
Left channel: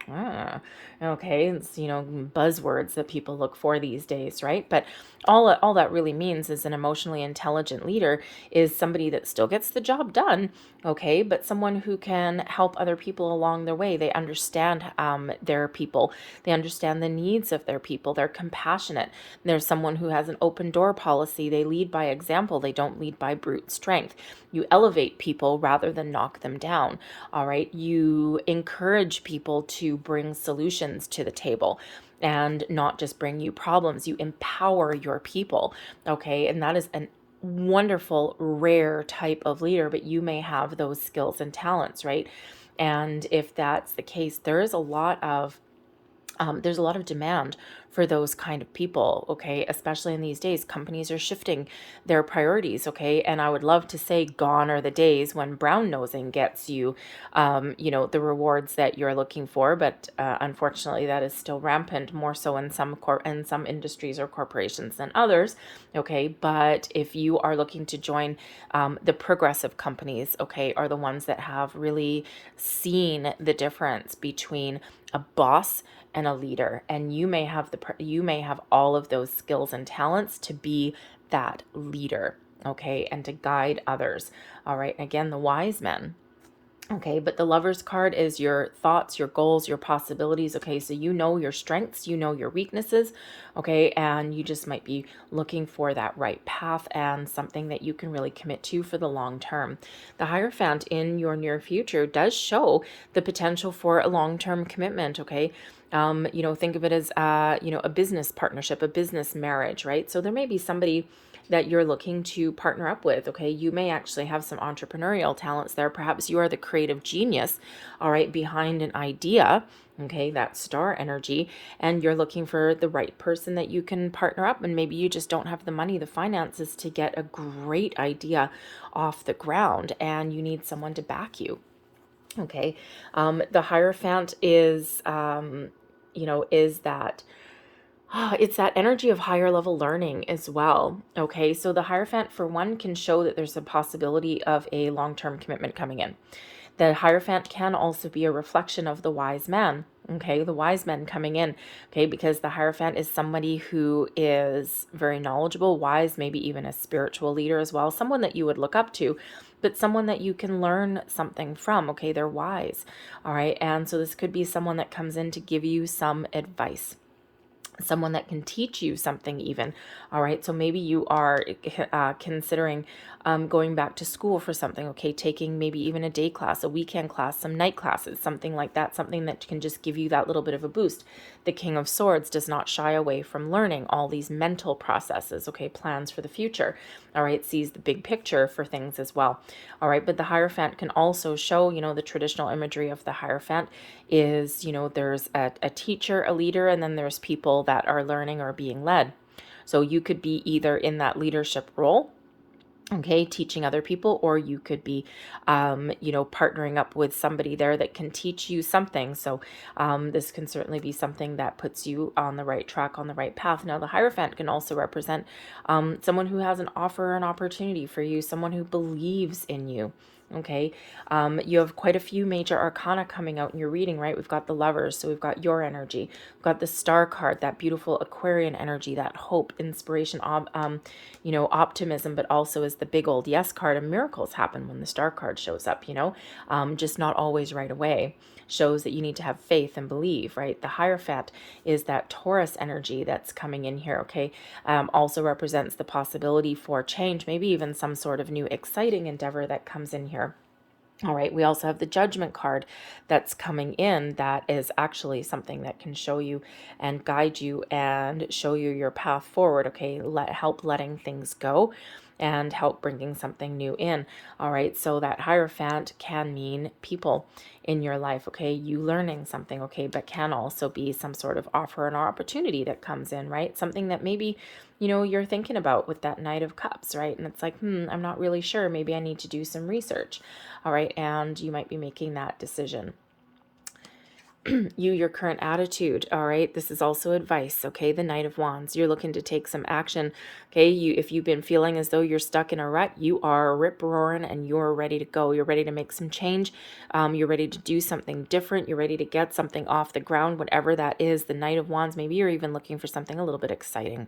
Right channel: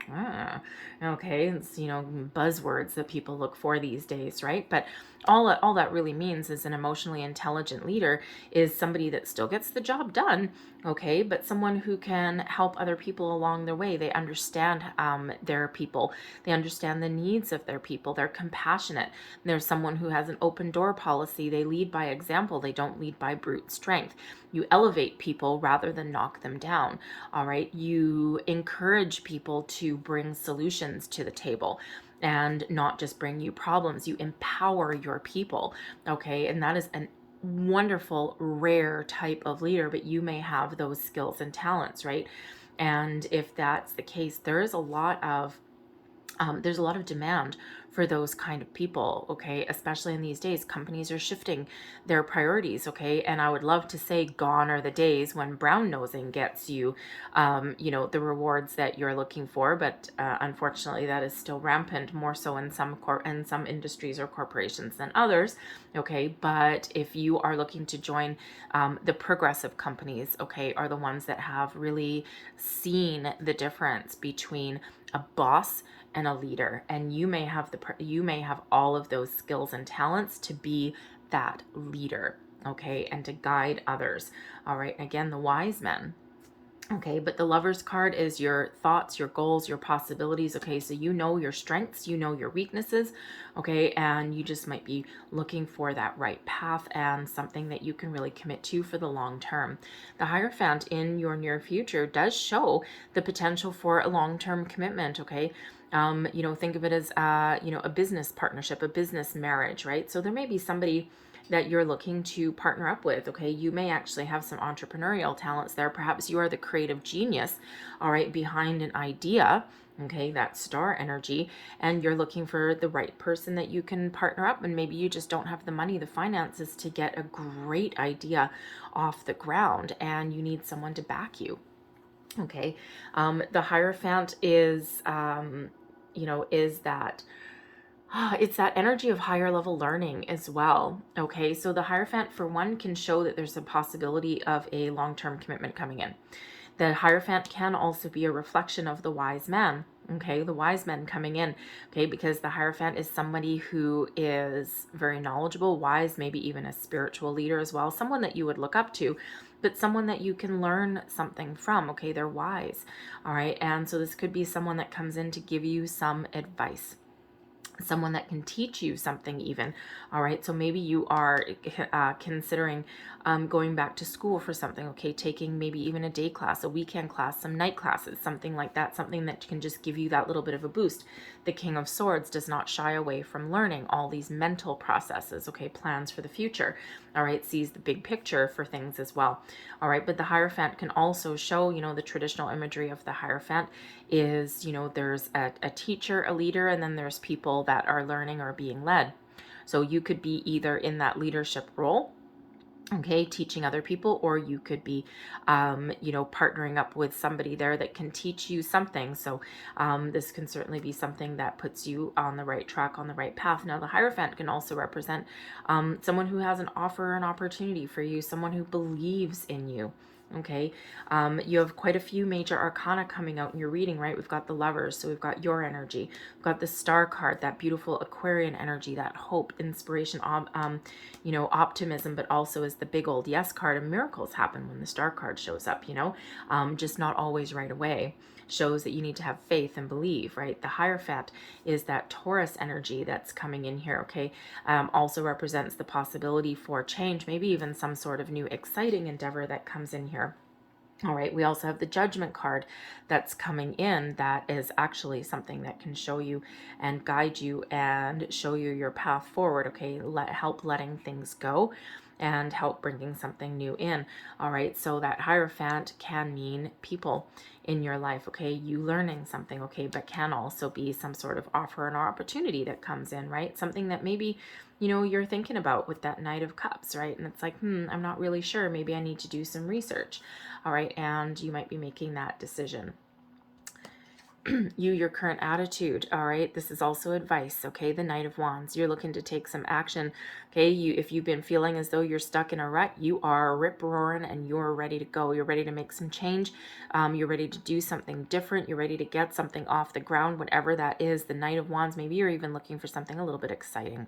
Okay, it's, buzzwords that people look for these days, right? But all that really means is an emotionally intelligent leader is somebody that still gets the job done, okay, but someone who can help other people along their way. They understand their people. They understand the needs of their people. They're compassionate. There's someone who has an open door policy. They lead by example. They don't lead by brute strength. You elevate people rather than knock them down, all right? You encourage people to bring solutions to the table and not just bring you problems. You empower your people, okay? And that is a wonderful, rare type of leader, but you may have those skills and talents, right? And if that's the case, there's a lot of demand for those kind of people, okay? Especially in these days, companies are shifting their priorities, okay? And I would love to say gone are the days when brown nosing gets you, the rewards that you're looking for, but unfortunately that is still rampant, more so in some industries or corporations than others, okay? But if you are looking to join the progressive companies, okay, are the ones that have really seen the difference between a boss and a leader, and you may have all of those skills and talents to be that leader, okay, and to guide others. All right, again, the Wise Men. Okay, but the Lovers card is your thoughts, your goals, your possibilities. Okay, so you know your strengths, you know your weaknesses, okay, and you just might be looking for that right path and something that you can really commit to for the long term. The Hierophant in your near future does show the potential for a long-term commitment, okay? Think of it as, a business partnership, a business marriage, right? So there may be somebody that you're looking to partner up with, okay? You may actually have some entrepreneurial talents there. Perhaps you are the creative genius, all right, behind an idea, okay, that star energy, and you're looking for the right person that you can partner up, and maybe you just don't have the money, the finances to get a great idea off the ground, and you need someone to back you. Okay, the Hierophant is, is that it's that energy of higher level learning as well. Okay, so the Hierophant, for one, can show that there's a possibility of a long-term commitment coming in. The Hierophant can also be a reflection of the Wise Man. Okay, the Wise Men coming in. Okay, because the Hierophant is somebody who is very knowledgeable, wise, maybe even a spiritual leader as well, someone that you would look up to, but someone that you can learn something from. Okay, they're wise. All right, and so this could be someone that comes in to give you some advice, someone that can teach you something even. All right, so maybe you are considering going back to school for something, okay, taking maybe even a day class, a weekend class, some night classes, something like that, something that can just give you that little bit of a boost. The King of Swords does not shy away from learning all these mental processes, okay, plans for the future, all right, sees the big picture for things as well, all right. But the Hierophant can also show, the traditional imagery of the Hierophant is, there's a teacher, a leader, and then there's people that are learning or being led. So you could be either in that leadership role, okay, teaching other people, or you could be partnering up with somebody there that can teach you something. So this can certainly be something that puts you on the right track, on the right path. Now the Hierophant can also represent someone who has an offer or an opportunity for you, someone who believes in you. Okay, you have quite a few major arcana coming out in your reading, right? We've got the Lovers, so we've got your energy. We've got the Star card, that beautiful Aquarian energy, that hope, inspiration, optimism, but also is the big old yes card, and miracles happen when the Star card shows up, just not always right away. Shows that you need to have faith and believe, right? The Hierophant is that Taurus energy that's coming in here, okay? Also represents the possibility for change, maybe even some sort of new exciting endeavor that comes in here. All right, we also have the Judgment card that's coming in. That is actually something that can show you and guide you and show you your path forward, okay? Help letting things go and help bringing something new in. All right, so that Hierophant can mean people in your life, okay? You learning something, okay? But can also be some sort of offer and opportunity that comes in, right? Something that maybe, you're thinking about with that Knight of Cups, right? And it's like, I'm not really sure. Maybe I need to do some research. All right, and you might be making that decision. Your current attitude, all right, this is also advice, okay? The Knight of Wands, you're looking to take some action, okay? If you've been feeling as though you're stuck in a rut, you are rip-roaring and you're ready to go. You're ready to make some change. You're ready to do something different. You're ready to get something off the ground, whatever that is. The Knight of Wands, maybe you're even looking for something a little bit exciting.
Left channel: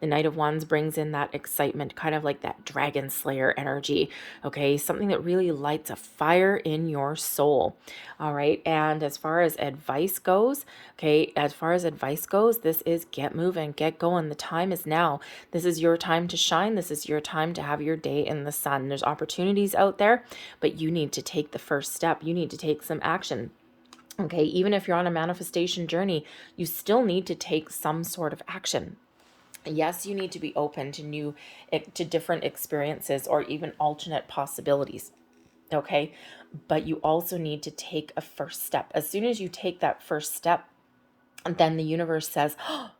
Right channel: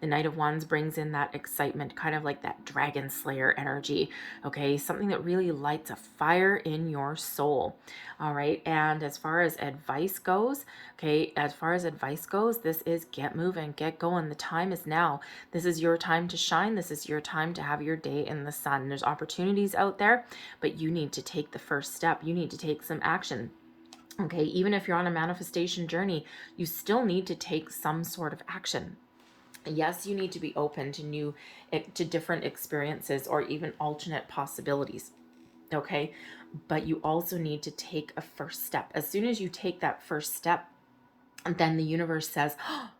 The Knight of Wands brings in that excitement, kind of like that Dragon Slayer energy, okay? Something that really lights a fire in your soul, all right? And as far as advice goes, okay, this is get moving, get going. The time is now. This is your time to shine. This is your time to have your day in the sun. There's opportunities out there, but you need to take the first step. You need to take some action. Okay, even if you're on a manifestation journey, you still need to take some sort of action. Yes, you need to be open to different experiences or even alternate possibilities. Okay, but you also need to take a first step. As soon as you take that first step, then the universe says, oh,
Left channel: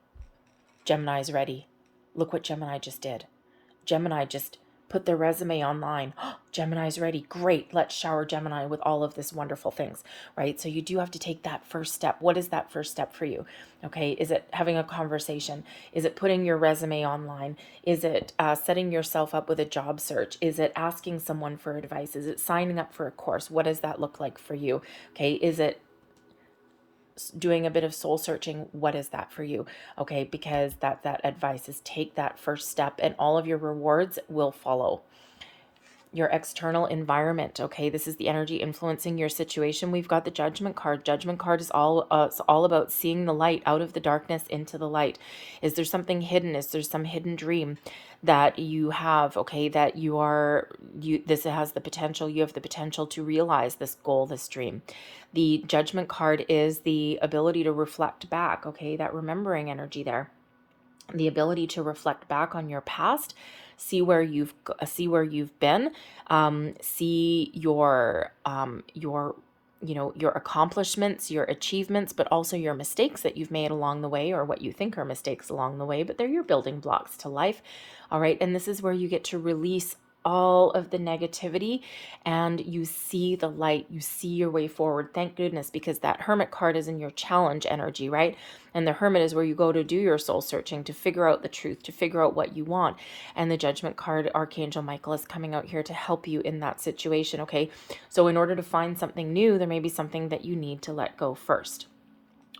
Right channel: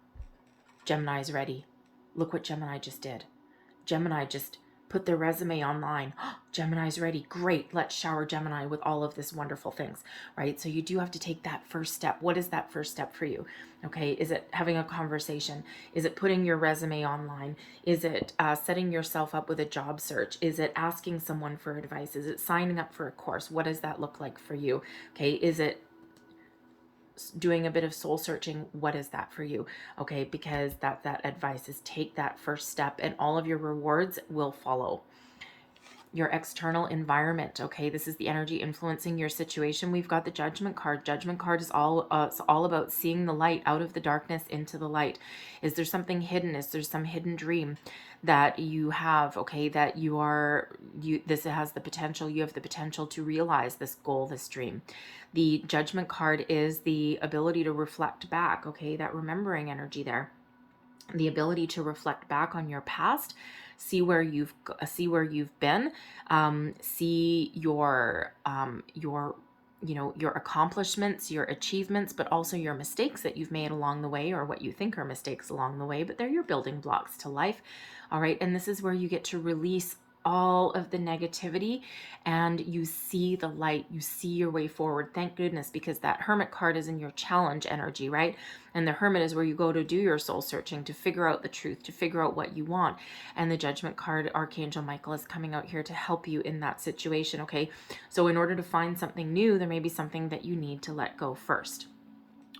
Gemini's ready. Look what Gemini just did. Gemini just put their resume online. Oh, Gemini's ready. Great. Let's shower Gemini with all of this wonderful things, right? So you do have to take that first step. What is that first step for you? Okay. Is it having a conversation? Is it putting your resume online? Is it setting yourself up with a job search? Is it asking someone for advice? Is it signing up for a course? What does that look like for you? Okay. Is it doing a bit of soul searching? What is that for you? Okay, because that advice is take that first step and all of your rewards will follow. Your external environment, okay, this is the energy influencing your situation. We've got the Judgment card. Judgment card is all about seeing the light out of the darkness into the light. Is there something hidden? Is there some hidden dream that you have, okay, that you have the potential to realize this goal, this dream. The Judgment card is the ability to reflect back, okay, that remembering energy there. The ability to reflect back on your past, see where you've been, see your accomplishments, your achievements, but also your mistakes that you've made along the way, or what you think are mistakes along the way, but they're your building blocks to life. All right, and this is where you get to release all of the negativity and you see the light, you see your way forward. Thank goodness, because that Hermit card is in your challenge energy, right? And the Hermit is where you go to do your soul searching, to figure out the truth, to figure out what you want. And the Judgment card, Archangel Michael, is coming out here to help you in that situation, okay? So in order to find something new, there may be something that you need to let go first,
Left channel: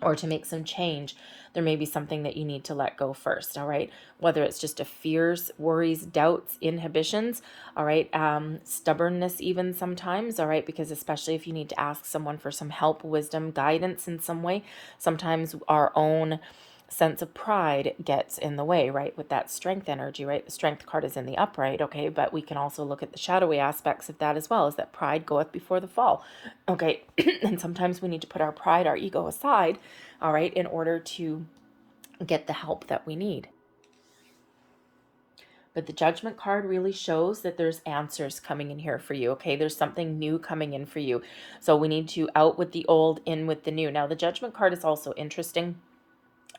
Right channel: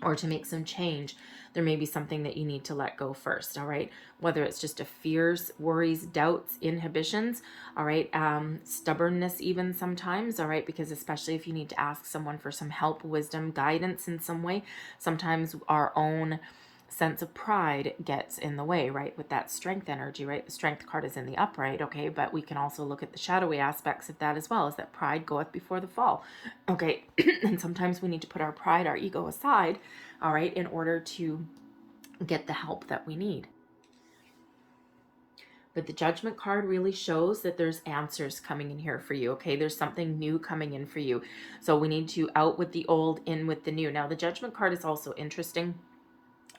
or to make some change. There may be something that you need to let go first, all right? Whether it's just a fears, worries, doubts, inhibitions, all right? Stubbornness even sometimes, all right? Because especially if you need to ask someone for some help, wisdom, guidance in some way, sometimes our own sense of pride gets in the way, right? With that strength energy, right? The strength card is in the upright, okay? But we can also look at the shadowy aspects of that as well, as that pride goeth before the fall, okay? And sometimes we need to put our pride, our ego aside, all right, in order to get the help that we need. But the Judgment card really shows that there's answers coming in here for you, okay? There's something new coming in for you. So we need to out with the old, in with the new. Now, the Judgment card is also interesting,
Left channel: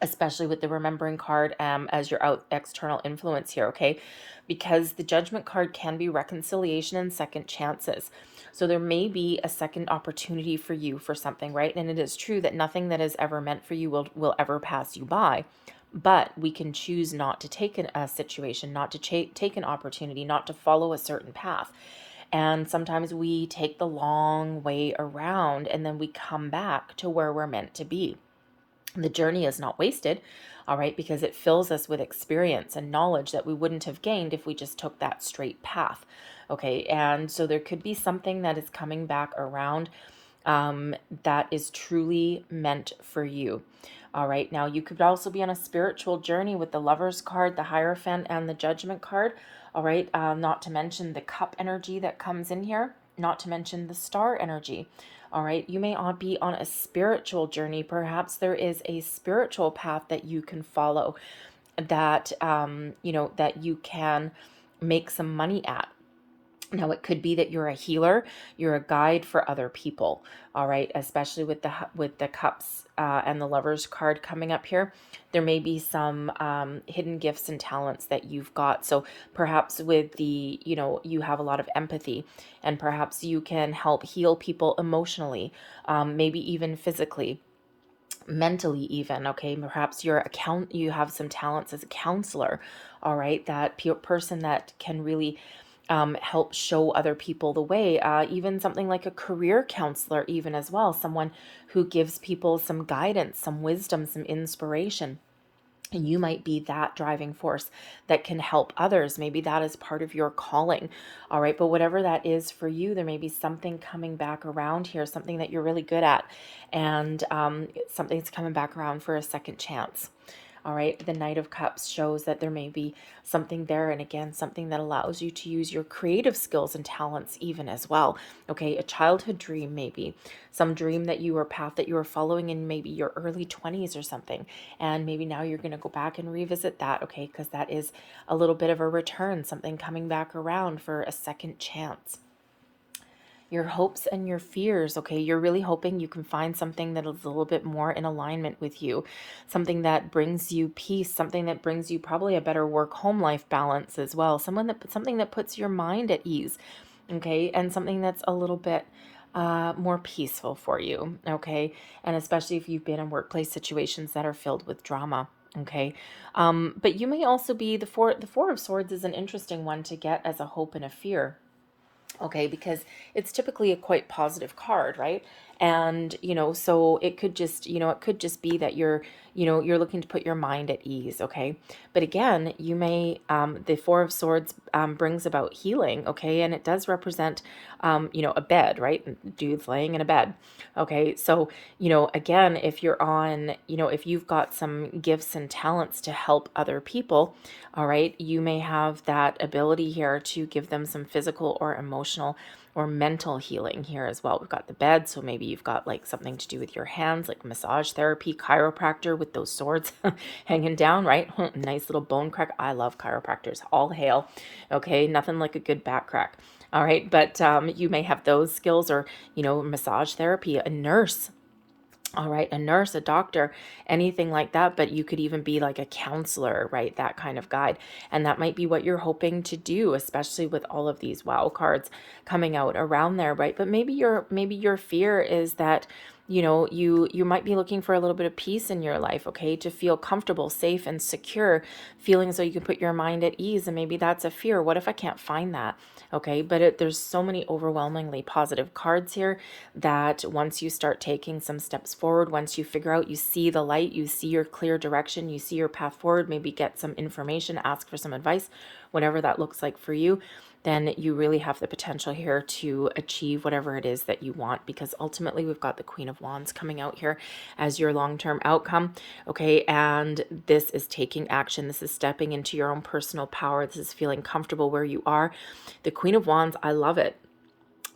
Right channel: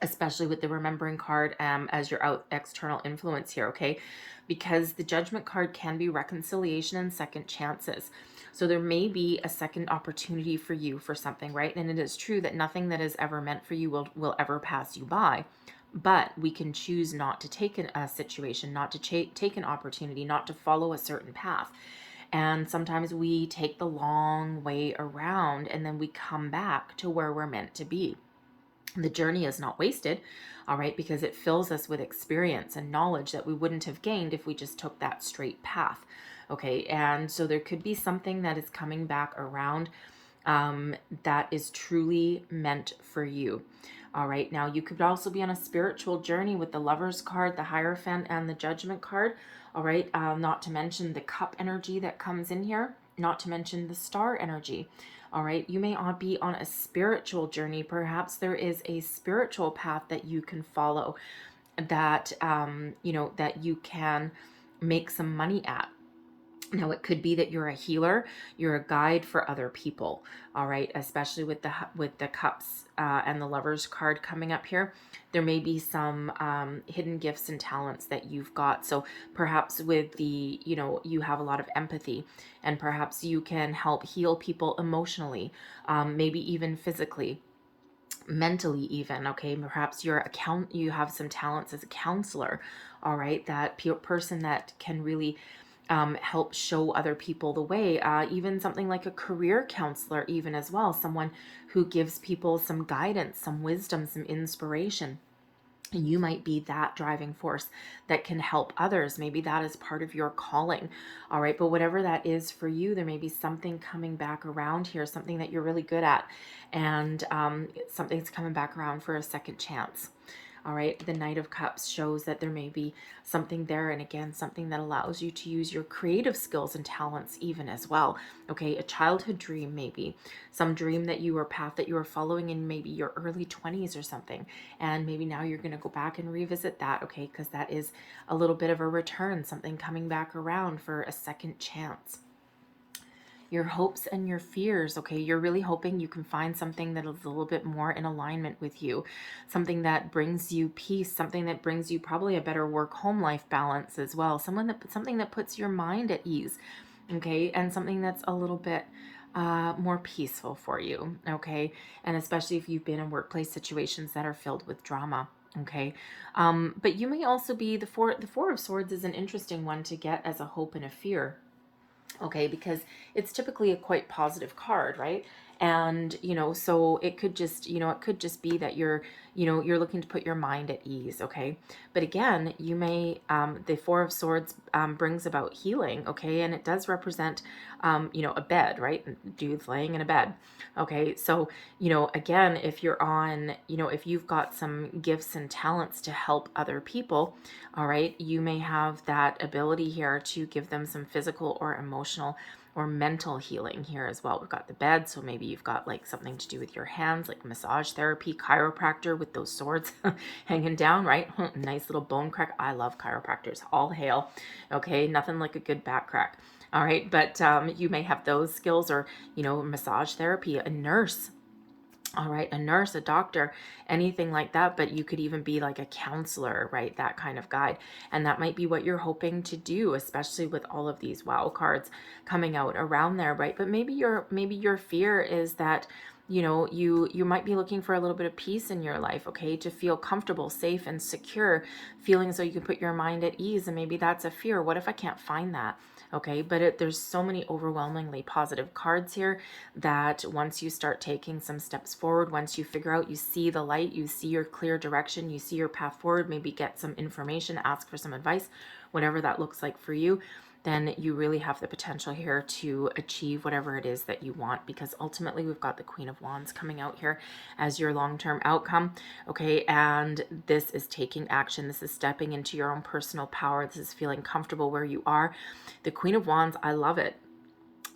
especially with the Remembering card as your external influence here, okay? Because the Judgment card can be reconciliation and second chances. So there may be a second opportunity for you for something, right? And it is true that nothing that is ever meant for you will ever pass you by. But we can choose not to take a situation, not to take an opportunity, not to follow a certain path. And sometimes we take the long way around and then we come back to where we're meant to be. The journey is not wasted, all right, because it fills us with experience and knowledge that we wouldn't have gained if we just took that straight path, okay? And so there could be something that is coming back around that is truly meant for you. All right, now you could also be on a spiritual journey with the Lovers card, the Hierophant, and the Judgment card. All right, not to mention the Cup energy that comes in here, not to mention the Star energy. All right, you may not be on a spiritual journey. Perhaps there is a spiritual path that you can follow that, that you can make some money at. Now, it could be that you're a healer, you're a guide for other people, all right, especially with the Cups and the Lovers card coming up here. There may be some hidden gifts and talents that you've got. So perhaps with the, you have a lot of empathy, and perhaps you can help heal people emotionally, maybe even physically, mentally even, okay? Perhaps you have some talents as a counselor, all right? That person that can really help show other people the way. Even something like a career counselor, even as well, someone who gives people some guidance, some wisdom, some inspiration. And you might be that driving force that can help others. Maybe that is part of your calling. All right. But whatever that is for you, there may be something coming back around here, something that you're really good at. And something's coming back around for a second chance. All right, the Knight of Cups shows that there may be something there, and again, something that allows you to use your creative skills and talents even as well. Okay, a childhood dream, maybe some dream that you or path that you were following in maybe your early 20s or something, and maybe now you're going to go back and revisit that, okay, because that is a little bit of a return, something coming back around for a second chance. Your hopes and your fears, okay? You're really hoping you can find something that is a little bit more in alignment with you, something that brings you peace, something that brings you probably a better work-home life balance as well, something that puts your mind at ease, okay? And something that's a little bit more peaceful for you, okay? And especially if you've been in workplace situations that are filled with drama. Okay, but you may also be the Four of Swords is an interesting one to get as a hope and a fear. Okay, because it's typically a quite positive card, right? And so it could just be that you're looking to put your mind at ease. Okay, but again, you may the Four of Swords brings about healing. Okay, and it does represent a bed, right? Dude's laying in a bed. Okay, so again, if you're on, if you've got some gifts and talents to help other people, all right, you may have that ability here to give them some physical or emotional or mental healing here as well. We've got the bed, so maybe you've got like something to do with your hands, like massage therapy, chiropractor with those swords hanging down, right? Nice little bone crack. I love chiropractors. All hail. Okay, nothing like a good back crack. All right, but you may have those skills, or massage therapy, a nurse. All right, a nurse, a doctor, anything like that. But you could even be like a counselor, right? That kind of guide. And that might be what you're hoping to do, especially with all of these wow cards coming out around there, right? But maybe your fear is that you might be looking for a little bit of peace in your life, okay, to feel comfortable, safe, and secure, feeling so you can put your mind at ease. And maybe that's a fear. What if I can't find that? Okay, but there's so many overwhelmingly positive cards here that once you start taking some steps forward, once you figure out, you see the light, you see your clear direction, you see your path forward, maybe get some information, ask for some advice, whatever that looks like for you, then you really have the potential here to achieve whatever it is that you want, because ultimately we've got the Queen of Wands coming out here as your long-term outcome. Okay, and this is taking action. This is stepping into your own personal power. This is feeling comfortable where you are. The Queen of Wands, I love it,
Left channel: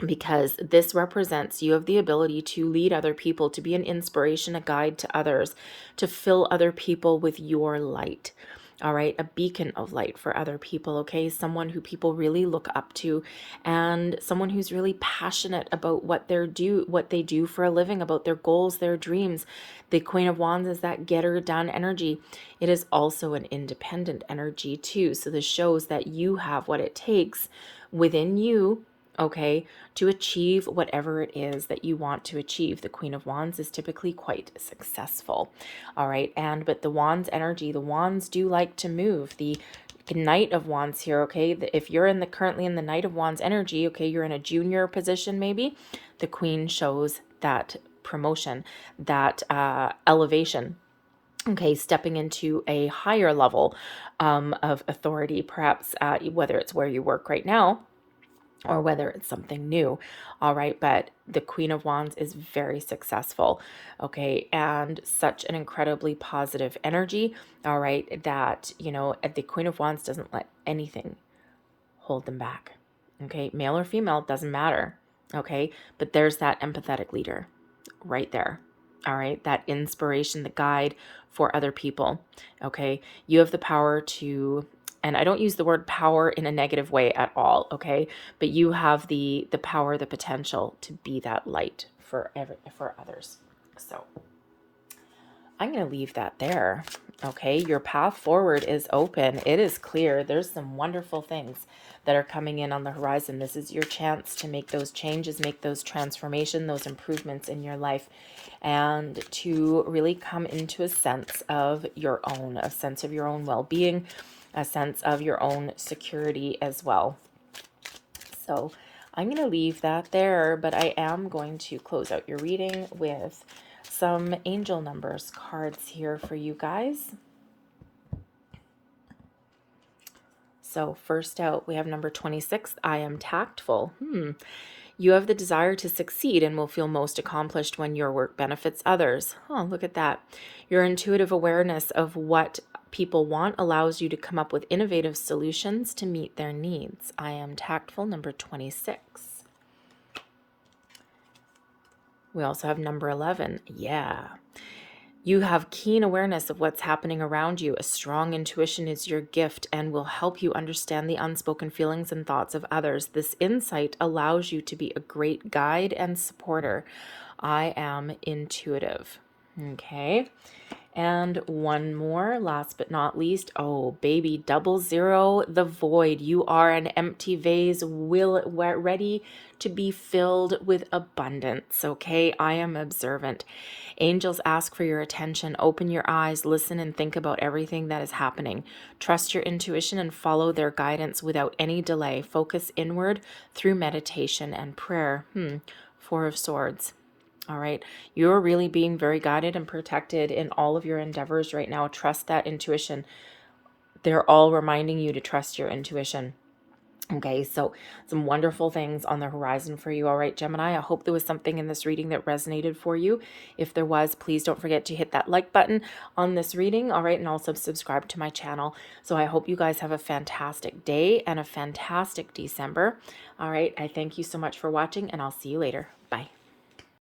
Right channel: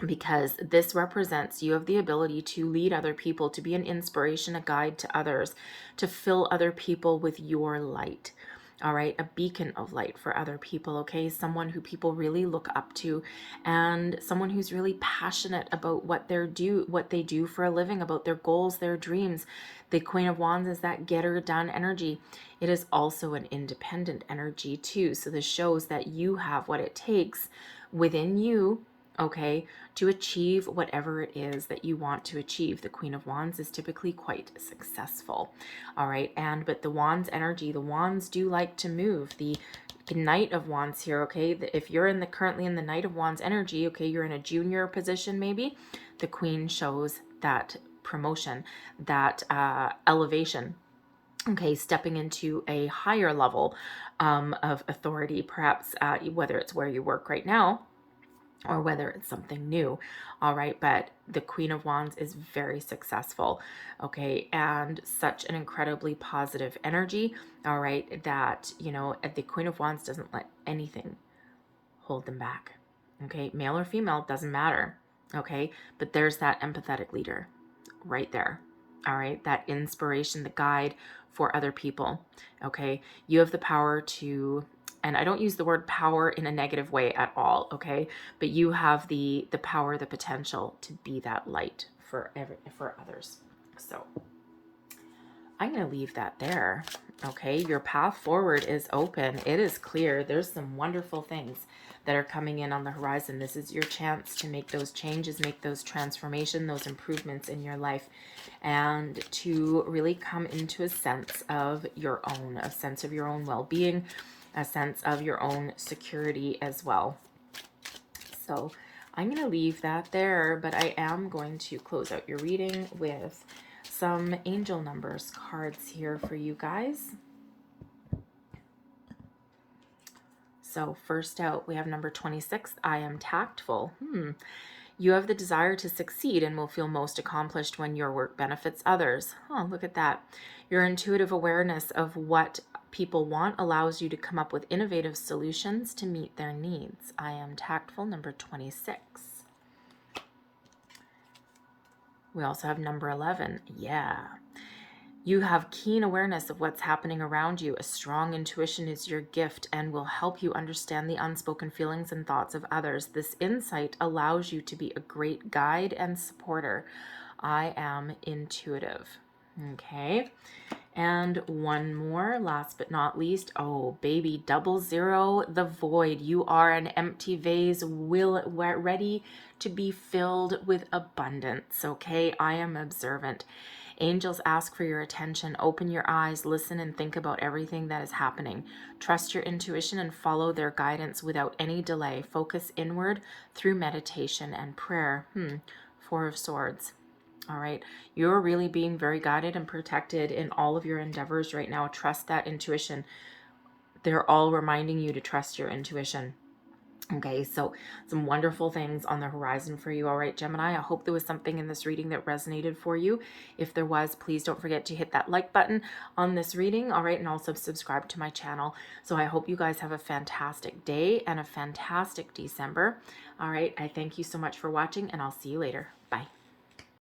because this represents you have the ability to lead other people, to be an inspiration, a guide to others, to fill other people with your light. All right, a beacon of light for other people, okay? Someone who people really look up to, and someone who's really passionate about what they do for a living, about their goals, their dreams. The Queen of Wands is that getter done energy. It is also an independent energy too. So this shows that you have what it takes within you, okay, to achieve whatever it is that you want to achieve. The Queen of Wands is typically quite successful. All right, but the Wands energy, the Wands do like to move. The Knight of Wands here, okay, if you're currently in the Knight of Wands energy, okay, you're in a junior position maybe, the Queen shows that promotion, that elevation, okay, stepping into a higher level of authority, perhaps whether it's where you work right now or whether it's something new. All right, but the Queen of Wands is very successful, okay, and such an incredibly positive energy, all right, that, you know, the Queen of Wands doesn't let anything hold them back, okay, male or female, doesn't matter, okay, but there's that empathetic leader right there, all right, that inspiration, the guide for other people, okay, you have the power to, and I don't use the word power in a negative way at all, okay? But you have the power, the potential to be that light for others. So I'm going to leave that there, okay? Your path forward is open. It is clear. There's some wonderful things that are coming in on the horizon. This is your chance to make those changes, make those transformations, those improvements in your life, and to really come into a sense of your own well-being, a sense of your own security as well. So I'm going to leave that there, but I am going to close out your reading with some angel numbers cards here for you guys. So first out, we have number 26. I am tactful. You have the desire to succeed and will feel most accomplished when your work benefits others. Oh, look at that. Your intuitive awareness of what people want allows you to come up with innovative solutions to meet their needs. I am tactful, number 26. We also have number 11. Yeah. You have keen awareness of what's happening around you. A strong intuition is your gift and will help you understand the unspoken feelings and thoughts of others. This insight allows you to be a great guide and supporter. I am intuitive. Okay. And one more, last but not least. Oh, baby, 00, the void. You are an empty vase, ready to be filled with abundance. Okay, I am observant. Angels ask for your attention. Open your eyes, listen, and think about everything that is happening. Trust your intuition and follow their guidance without any delay. Focus inward through meditation and prayer. 4 of Swords. All right, you're really being very guided and protected in all of your endeavors right now. Trust that intuition. They're all reminding you to trust your intuition. Okay, so some wonderful things on the horizon for you. All right, Gemini, I hope there was something in this reading that resonated for you. If there was, please don't forget to hit that like button on this reading. All right, and also subscribe to my channel. So I hope you guys have a fantastic day and a fantastic December. All right, I thank you so much for watching, and I'll see you later. Bye.